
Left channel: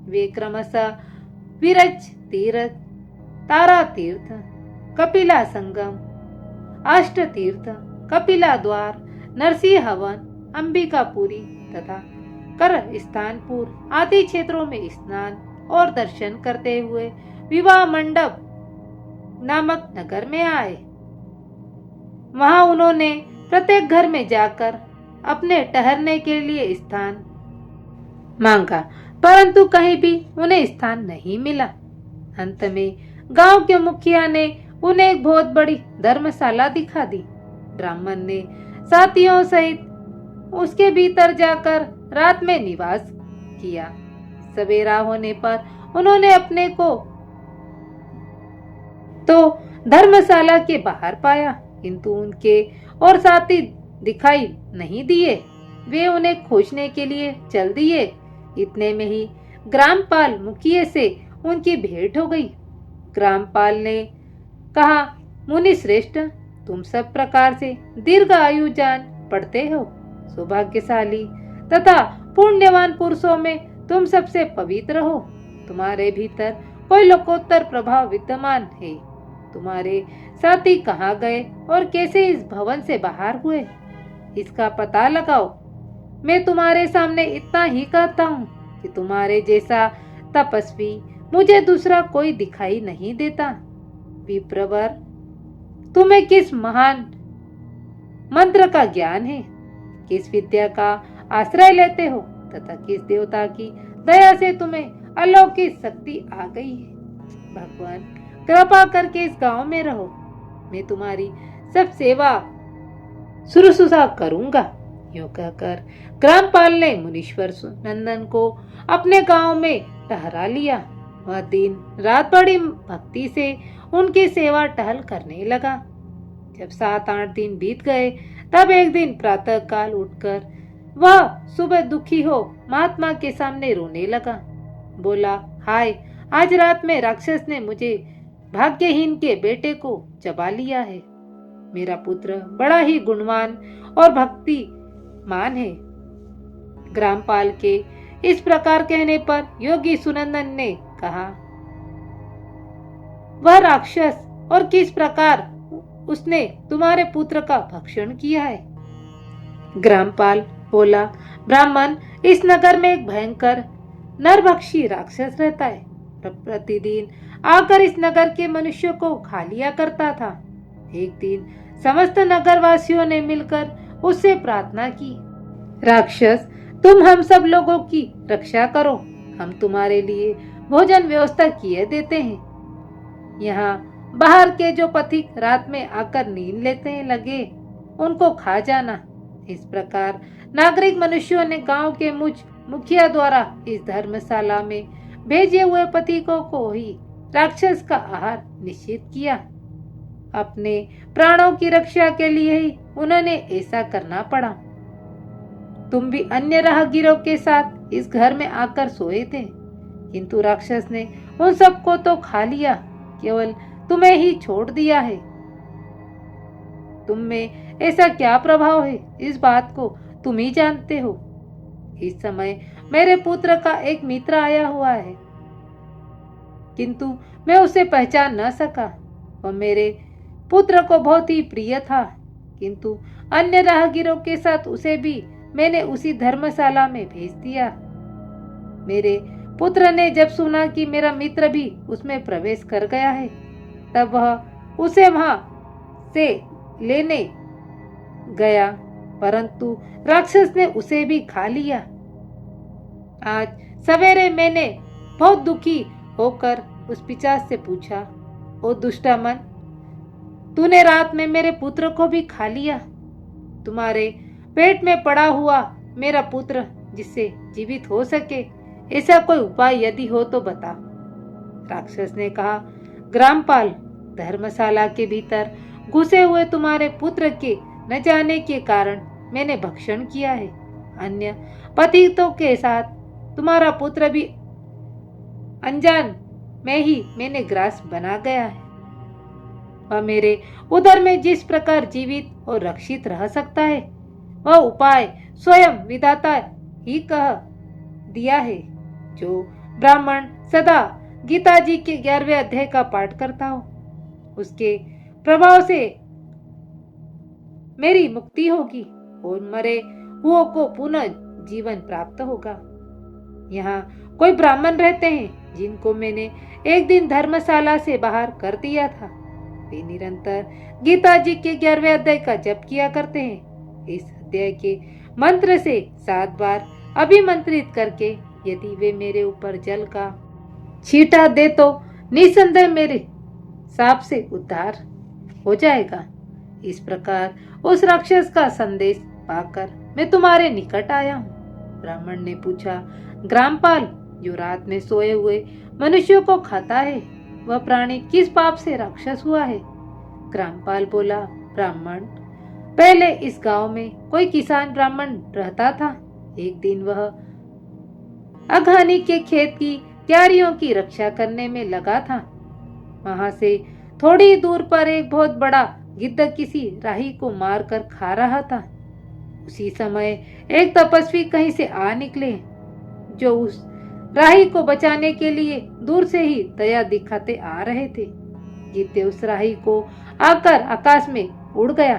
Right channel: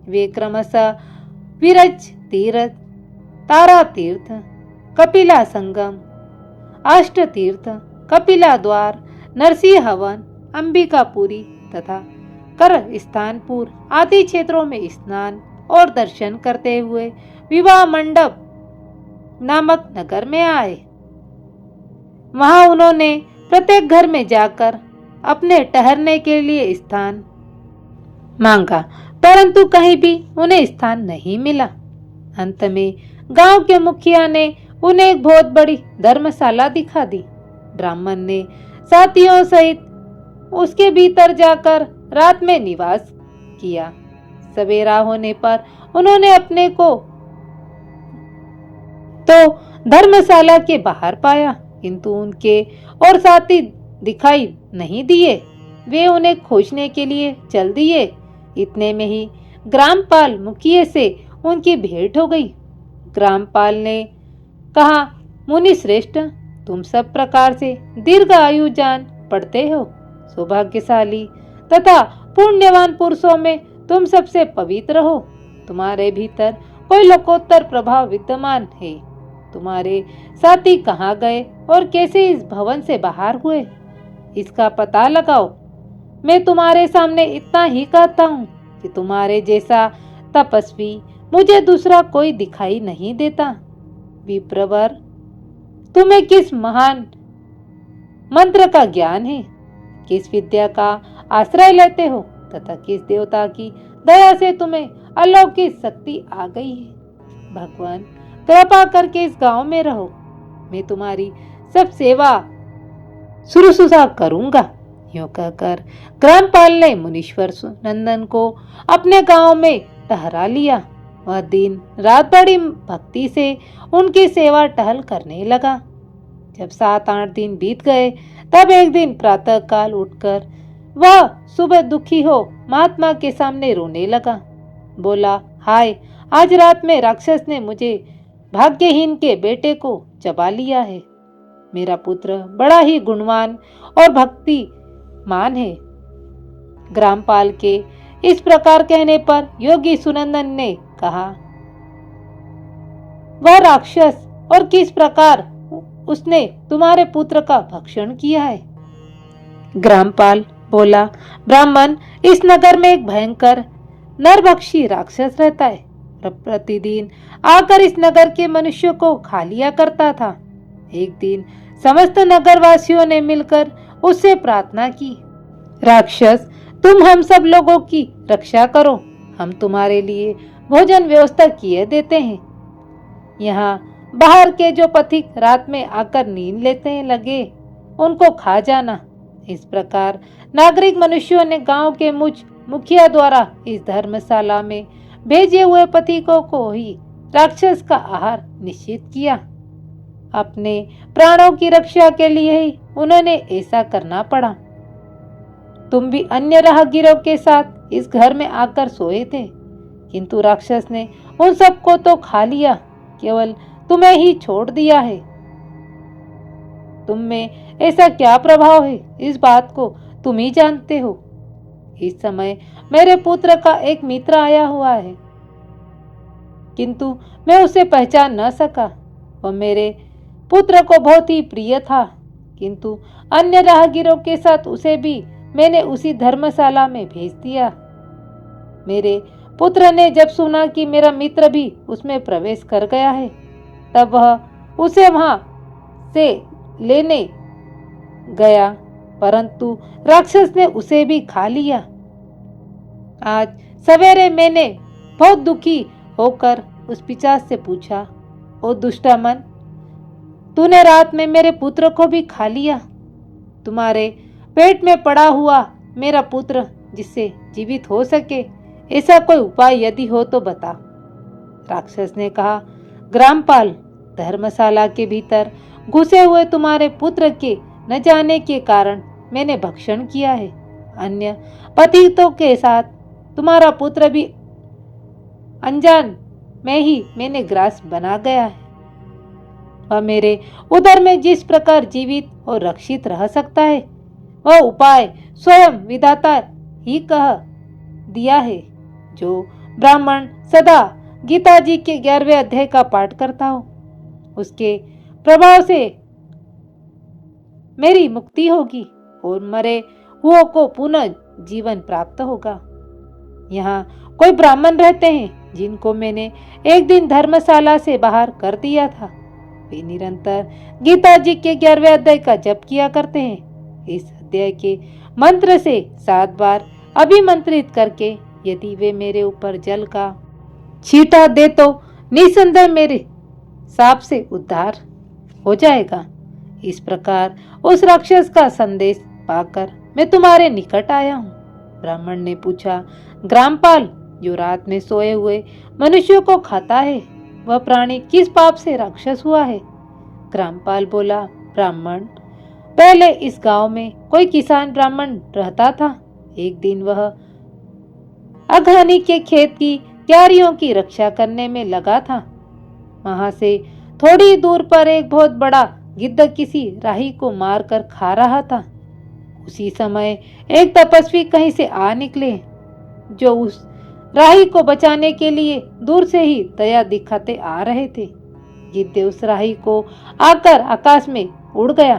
वे क्रमशः विरज तीर्थ, तारा तीर्थ, कपिला संगम, अष्ट तीर्थ, कपिला द्वार, नरसिंह हवन, अंबिकापुरी तथा कर स्थानपुर आदि क्षेत्रों में स्नान और दर्शन करते हुए विवाह मंडप नामक नगर में आए। वहां उन्होंने प्रत्येक घर में जाकर अपने ठहरने के लिए स्थान मांगा, परंतु कहीं भी उन्हें स्थान नहीं मिला। अंत में गांव के मुखिया ने उन्हें एक बहुत बड़ी धर्मशाला दिखा दी। ब्राह्मण ने साथियों सहित उसके भीतर जाकर रात में निवास किया। सवेरा होने पर उन्होंने अपने को तो धर्मशाला के बाहर पाया, किंतु उनके और साथी दिखाई नहीं दिए। वे उन्हें खोजने के लिए चल दिए। इतने में ही ग्रामपाल मुखिया से उनकी भेंट हो गई। ग्रामपाल ने कहा, मुनि श्रेष्ठ, तुम सब प्रकार से दीर्घ आयु जान पड़ते हो। सौभाग्यशाली तथा पुण्यवान पुरुषों में तुम सबसे पवित्र हो। तुम्हारे भीतर कोई लोकोत्तर प्रभाव विद्यमान है। तुम्हारे साथी कहाँ गए और कैसे इस भवन से बाहर हुए, इसका पता लगाओ। मैं तुम्हारे सामने इतना ही कहता हूँ कि तुम्हारे जैसा तपस्वी मुझे दूसरा कोई दिखाई नहीं देता। विप्रवर, तुम्हें किस महान मंत्र का ज्ञान है, किस विद्या का आश्रय लेते हो तथा किस देवता की दया से तुम्हें अलौकिक शक्ति आ गई है। भगवान, कृपा करके इस गांव में रहो। मैं तुम्हारी सब सेवा शुश्रूषा करूंगा। यूं कहकर ग्रामपाल ने मुनीश्वर नंदन को अपने गांव में ठहरा लिया। वह दिन रात बड़ी भक्ति से उनकी सेवा टहल करने लगा। जब 7-8 दिन बीत गए, तब एक दिन प्रातः काल उठकर वह सुबह दुखी हो महात्मा के सामने रोने लगा। बोला, हाय, आज रात में राक्षस ने मुझे भाग्यहीन के बेटे को चबा लिया है। मेरा पुत्र बड़ा ही गुणवान और भक्तिमान है। ग्रामपाल के इस प्रकार कहने पर योगी सुनंदन ने कहा, वह राक्षस और किस प्रकार उसने तुम्हारे पुत्र का भक्षण किया है? ग्रामपाल बोला, ब्राह्मण, इस नगर में एक भयंकर नरभक्षी राक्षस रहता है। प्रतिदिन आकर इस नगर के मनुष्यों को खा लिया करता था। एक दिन समस्त नगरवासियों ने मिलकर उससे प्रार्थना की, राक्षस, तुम हम सब लोगों की रक्षा करो, हम तुम्हारे लिए भोजन व्यवस्था किए देते हैं। यहाँ बाहर के जो पथिक रात में आकर नींद लेते हैं लगे, उनको खा जाना। इस प्रकार नागरिक मनुष्यों ने गांव के मुखिया द्वारा इस धर्मशाला में भेजे हुए पथिकों को ही राक्षस का आहार निश्चित किया। अपने प्राणों की रक्षा के लिए ही उन्होंने ऐसा करना पड़ा। तुम भी अन्य राहगीरों के साथ इस घर में आकर सोए थे, किंतु राक्षस ने उन सबको तो खा लिया, केवल तुम्हें ही छोड़ दिया है। तुम में ऐसा क्या प्रभाव है, इस बात को तुम ही जानते हो। इस समय मेरे पुत्र का एक मित्र आया हुआ है, किंतु मैं उसे पहचान न सका। वह मेरे पुत्र को बहुत ही प्रिय था, किंतु अन्य राहगीरों के साथ उसे भी मैंने उसी धर्मशाला में भेज दिया। मेरे पुत्र ने जब सुना कि मेरा मित्र भी उसमें प्रवेश कर गया है, तब वह उसे वहां से लेने गया, परंतु राक्षस ने उसे भी खा लिया। आज सवेरे मैंने बहुत दुखी होकर उस पिशाच से पूछा, ओ दुष्टमन, तूने रात में मेरे पुत्र को भी खा लिया। तुम्हारे पेट में पड़ा हुआ मेरा पुत्र जिससे जीवित हो सके, ऐसा कोई उपाय यदि हो तो बता। राक्षस ने कहा, ग्रामपाल, धर्मशाला के भीतर घुसे हुए तुम्हारे पुत्र के न जाने के कारण मैंने भक्षण किया है। अन्य पतितों के साथ तुम्हारा पुत्र भी अनजान में ही मैंने ग्रास बना गया है। वह मेरे उदर में जिस प्रकार जीवित और रक्षित रह सकता है, वह उपाय स्वयं विधाता ही कह दिया है। जो ब्राह्मण सदा गीता जी के 11वें अध्याय का पाठ करता हो, उसके प्रभाव से मेरी मुक्ति होगी और मरे हुओं को पुनः जीवन प्राप्त होगा। यहाँ कोई ब्राह्मण रहते हैं जिनको मैंने एक दिन धर्मशाला से बाहर कर दिया था। वे निरंतर गीता जी के 11वें अध्याय का जप किया करते हैं। इस अध्याय के मंत्र से 7 बार अभिमंत्रित करके यदि वे मेरे ऊपर जल का छींटा दे तो निसंदेह मेरे साप से उद्धार हो जाएगा। इस प्रकार उस राक्षस का संदेश पाकर मैं तुम्हारे निकट आया हूँ। ब्राह्मण ने पूछा, ग्रामपाल, जो रात में सोए हुए मनुष्यों को खाता है, वह प्राणी किस पाप से राक्षस हुआ है? ग्रामपाल बोला, ब्राह्मण, पहले इस गांव में कोई किसान ब्राह्मण रहता था। एक दिन वह अघानी के खेत की क्यारियों की रक्षा करने में लगा था। वहां से थोड़ी दूर पर एक बहुत बड़ा गिद्ध किसी राही को मारकर खा रहा था। उसी समय एक तपस्वी कहीं से आ निकले, जो उस राही को बचाने के लिए दूर से ही दया दिखाते आ रहे थे। गिद्ध उस राही को आकर आकाश में उड़ गया।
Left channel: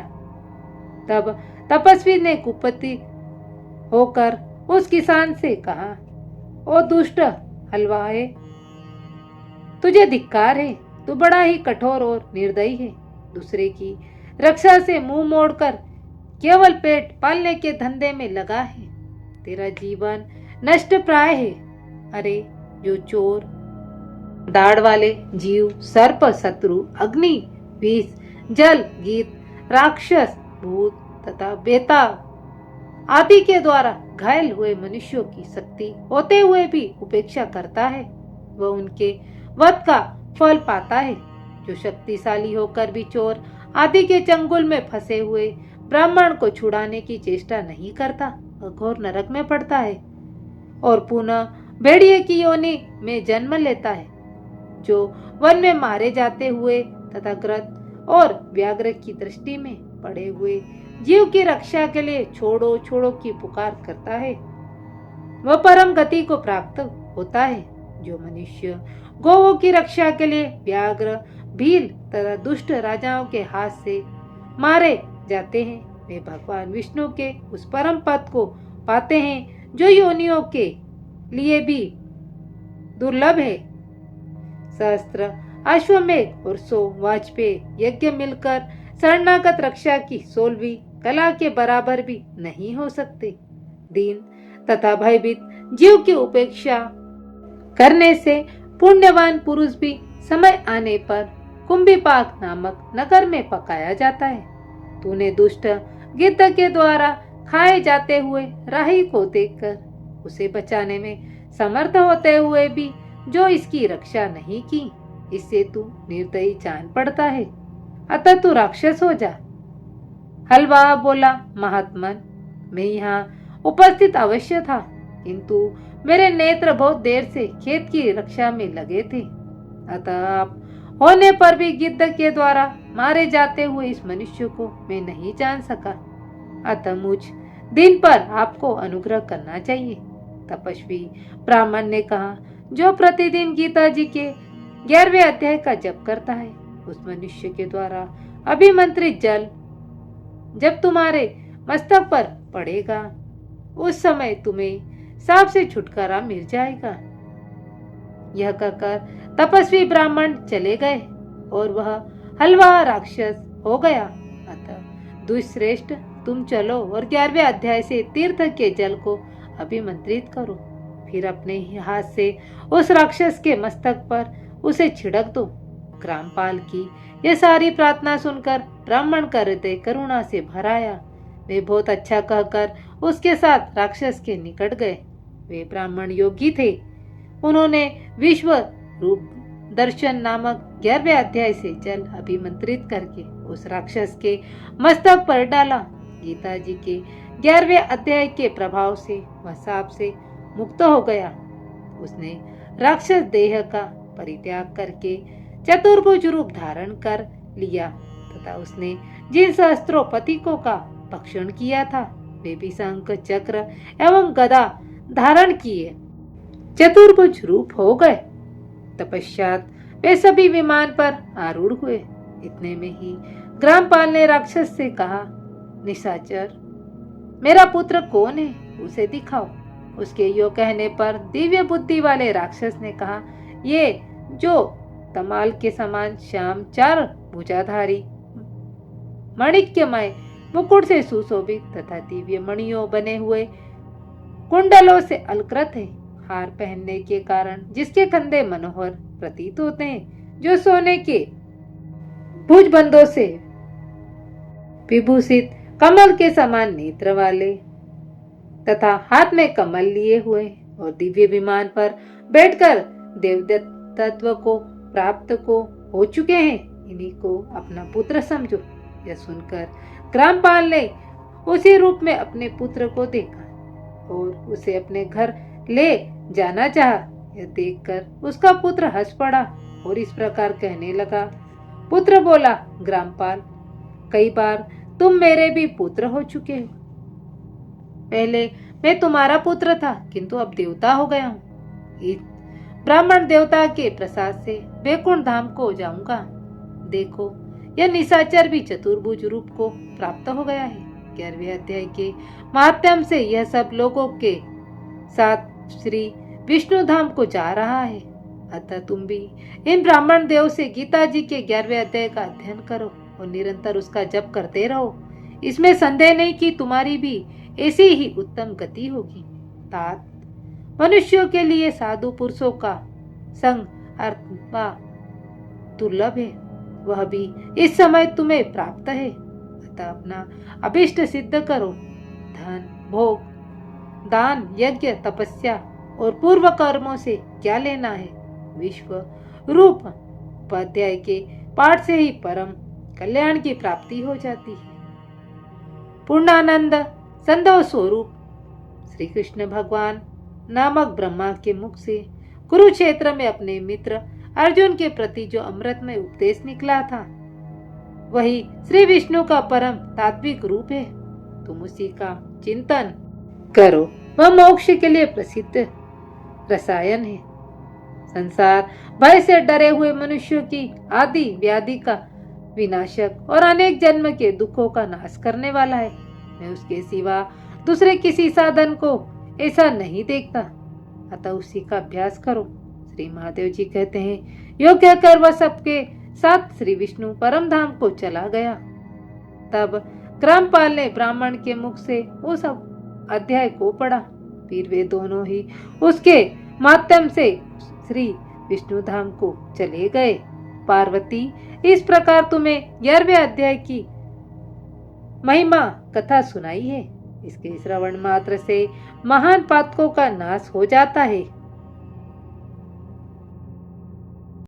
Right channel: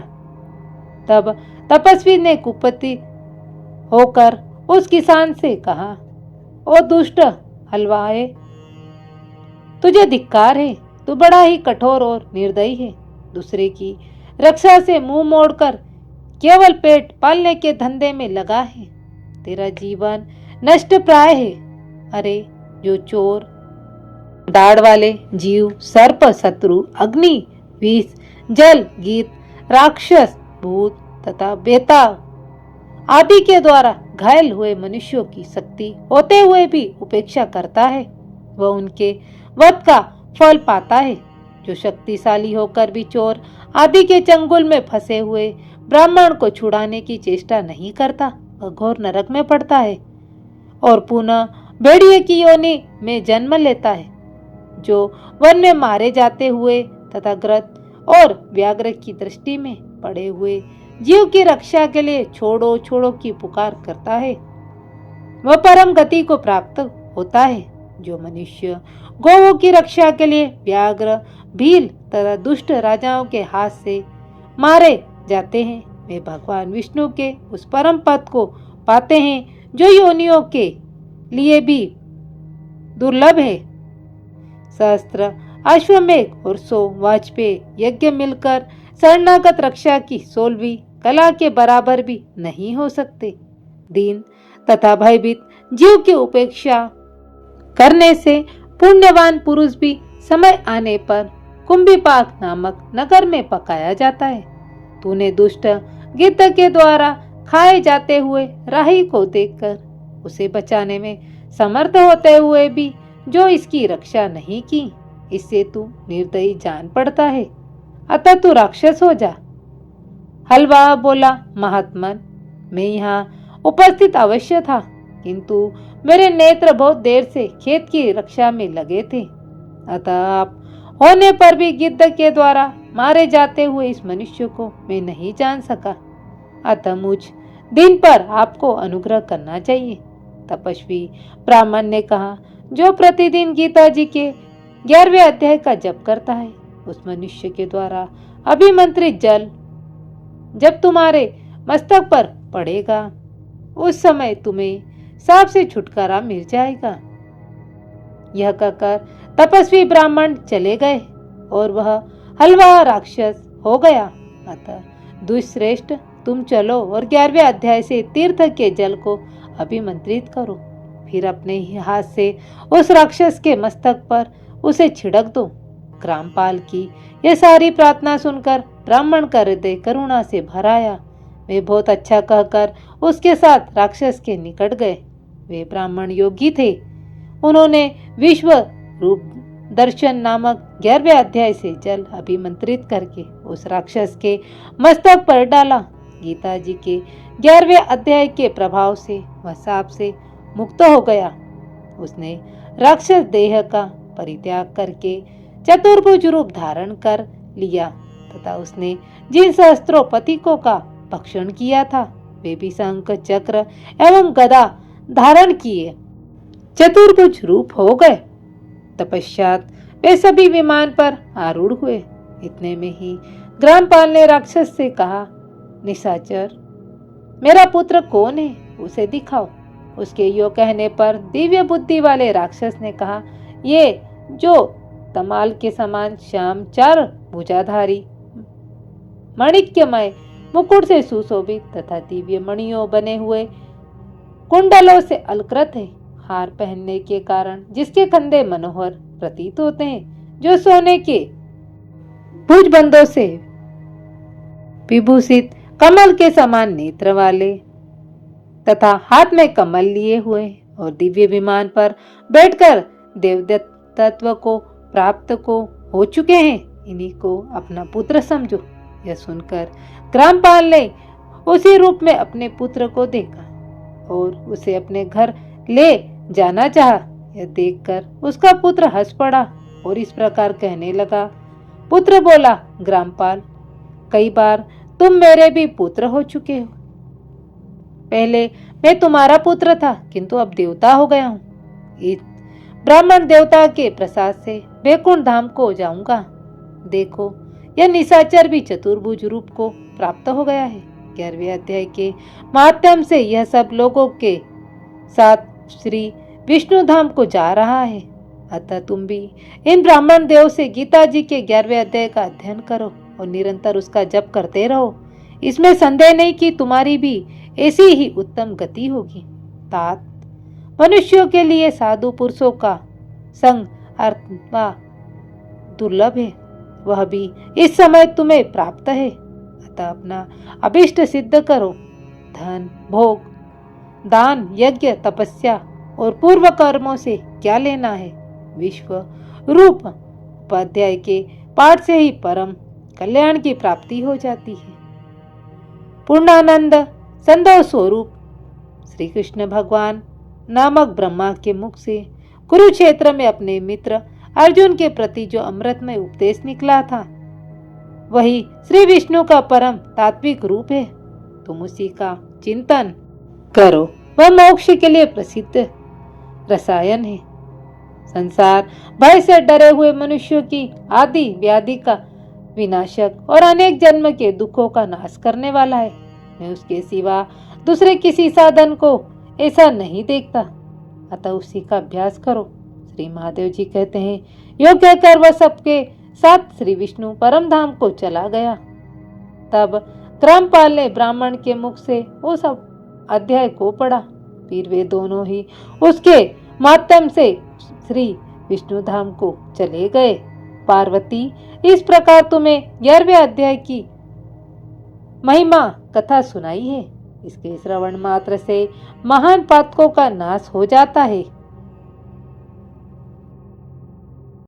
तब तपस्वी ने कुपित होकर उस किसान से कहा, ओ दुष्ट हलवाए, तुझे धिक्कार है, तू बड़ा ही कठोर और निर्दयी है। दूसरे की रक्षा से मुंह मोड़कर केवल पेट पालने के धंधे में लगा है। तेरा जीवन नष्ट प्राय है। अरे जो चोर, दाढ़ वाले जीव, सर्प, शत्रु, अग्नि, विष, जल, गीत, राक्षस, भूत तथा बेताल आदि के द्वारा घायल हुए मनुष्यों की शक्ति होते हुए भी उपेक्षा करता है, वह उनके वध का फल पाता है। जो शक्तिशाली होकर भी चोर आदि के चंगुल में फंसे हुए ब्राह्मण को छुड़ाने की चेष्टा नहीं करता, वह घोर नरक में पड़ता है और पुनः भेड़िए की योनि में जन्म लेता है, जो वन में मारे जाते हुए तथा ग्रत और व्याघ्र की दृष्टि में पड़े हुए जीव की रक्षा के लिए छोड़ो छोड़ो की पुकार करता है। वह परम गति को प्राप्त होता है। जो मनुष्य गौओं की रक्षा के लिए व्याघ्र, भील तथा दुष्ट राजाओं के हाथ से मारे जाते हैं, वे भगवान विष्णु के उस परम पद को पाते हैं जो योनियों के लिए भी दुर्लभ है। सहस्त्र अश्वमेघ और 100 वाजपेयी यज्ञ मिलकर शरणागत रक्षा की 16वीं कला के बराबर भी नहीं हो सकते। दीन तथा भयभीत जीव की उपेक्षा करने से पुण्यवान पुरुष भी समय आने पर कुंभीपाक नामक नगर में पकाया जाता है। तूने दुष्ट गिद्ध के द्वारा खाए जाते हुए राही को देखकर उसे बचाने में समर्थ होते हुए भी जो इसकी रक्षा नहीं की, इससे तू निर्दयी जान पड़ता है, अतः तू राक्षस हो जा। हलवा बोला, महात्मन, मैं यहाँ उपस्थित अवश्य था, किंतु मेरे नेत्र बहुत देर से खेत की रक्षा में लगे थे, अतः आप होने पर भी गिद्ध के द्वारा मारे जाते हुए इस मनुष्य को मैं नहीं जान सका, अतः मुझ दिन पर आपको अनुग्रह करना चाहिए। तपस्वी ब्राह्मण ने कहा, जो प्रतिदिन गीता जी के 11वें अध्याय का जप करता है, उस मनुष्य के द्वारा अभिमंत्रित जल जब तुम्हारे मस्तक पर पड़ेगा, उस समय तुम्हें सांप से छुटकारा मिल जाएगा। यह कहकर तपस्वी ब्राह्मण चले गए और वह हलवा राक्षस हो गया। अतः दुष्श्रेष्ठ, तुम चलो और 11वें अध्याय से तीर्थ के जल को अभिमंत्रित करो, फिर अपने ही हाथ से उस राक्षस के मस्तक पर उसे छिड़क दो। ग्रामपाल की यह सारी प्रार्थना सुनकर ब्राह्मण का हृदय करुणा से भर आया। वे बहुत अच्छा कहकर उसके साथ राक्षस के निकट गए। वे ब्राह्मण योगी थे। उन्होंने विश्व रूप दर्शन नामक 11वें अध्याय से जल अभिमंत्रित करके उस राक्षस के मस्तक पर डाला। गीता जी के 11वें अध्याय के प्रभाव से वह सांप से मुक्त हो गया। उसने राक्षस देह का परित्याग करके चतुर्भुज रूप धारण कर लिया तथा उसने जिन सहस्त्रों पथिकों का भक्षण किया था, वे भी शंख, चक्र एवं गदा धारण किए चतुर्भुज रूप हो गए। तपश्चात वे सभी विमान पर आरूढ़ हुए। इतने में ही ग्रामपाल ने राक्षस से कहा, निशाचर, मेरा पुत्र कौन है, उसे दिखाओ। उसके यो कहने पर दिव्य बुद्धि वाले राक्षस ने कहा, ये जो तमाल के समान श्याम 4 भुजाधारी माणिक्यमय मुकुट से सुशोभित तथा दिव्य मणियों बने हुए कुंडलों से अलकृत है, हार पहनने के कारण जिसके कंधे मनोहर प्रतीत होते हैं, जो सोने के भुजबंधों से विभूषित कमल के समान नेत्र वाले तथा हाथ में कमल लिए हुए और दिव्य विमान पर बैठकर देवदत्तत्व को प्राप्त को हो चुके हैं, इन्हीं को अपना पुत्र समझो। यह सुनकर ग्रामपाल ने उसी रूप में अपने पुत्र को देखा और उसे अपने घर ले जाना चाहा। यह देखकर उसका पुत्र हंस पड़ा और इस प्रकार कहने लगा। पुत्र बोला, ग्रामपाल, कई बार तुम मेरे भी पुत्र हो चुके हो। पहले मैं तुम्हारा पुत्र था, किंतु अब देवता हो गया हूँ। इस ब्राह्मण देवता के प्रसाद से वैकुंठ धाम को जाऊंगा। देखो, यह निशाचर भी चतुर्भुज रूप को प्राप्त हो गया है। 11वें अध्याय के माध्यम से यह सब लोगों के साथ श्री विष्णु धाम को जा रहा है। अतः तुम भी इन ब्राह्मण देव से गीता जी के 11वें अध्याय का अध्ययन करो और निरंतर उसका जप करते रहो। इसमें संदेह नहीं कि तुम्हारी भी ऐसी ही उत्तम गति होगी। तात, मनुष्यों के लिए साधु पुरुषों का संग अथवा दुर्लभ है, वह भी इस समय तुम्हें प्राप्त है। अतः अपना अभिष्ट सिद्ध करो। धन, भोग, दान, यज्ञ, तपस्या और पूर्व कर्मों से क्या लेना है। विश्व रूप उपाध्याय के पाठ से ही परम कल्याण की प्राप्ति हो जाती है। पूर्णानंद संदव स्वरूप श्री कृष्ण भगवान नामक ब्रह्मा के मुख से कुरुक्षेत्र में अपने मित्र अर्जुन के प्रति जो अमृतमय उपदेश निकला था, वही श्री विष्णु का परम तात्विक रूप है। तुम उसी का चिंतन करो, वह मोक्ष के लिए प्रसिद्ध रसायन है। संसार भय से डरे हुए मनुष्यों की आदि व्याधि का विनाशक और अनेक जन्म के दुखों का नाश करने वाला है। मैं उसके सिवा दूसरे किसी साधन को ऐसा नहीं देखता, अतः उसी का अभ्यास करो। श्री महादेव जी कहते हैं, योग्य कर वह सबके साथ श्री विष्णु परम धाम को चला गया। तब ग्रामपाल ने ब्राह्मण के मुख से वो सब अध्याय को पढ़ा। फिर वे दोनों ही उसके माध्यम से श्री विष्णु धाम को चले गए। पार्वती, इस प्रकार तुम्हें 11वें अध्याय की महिमा कथा सुनाई है। इसके श्रवण मात्र से महान पातकों का नाश हो जाता है।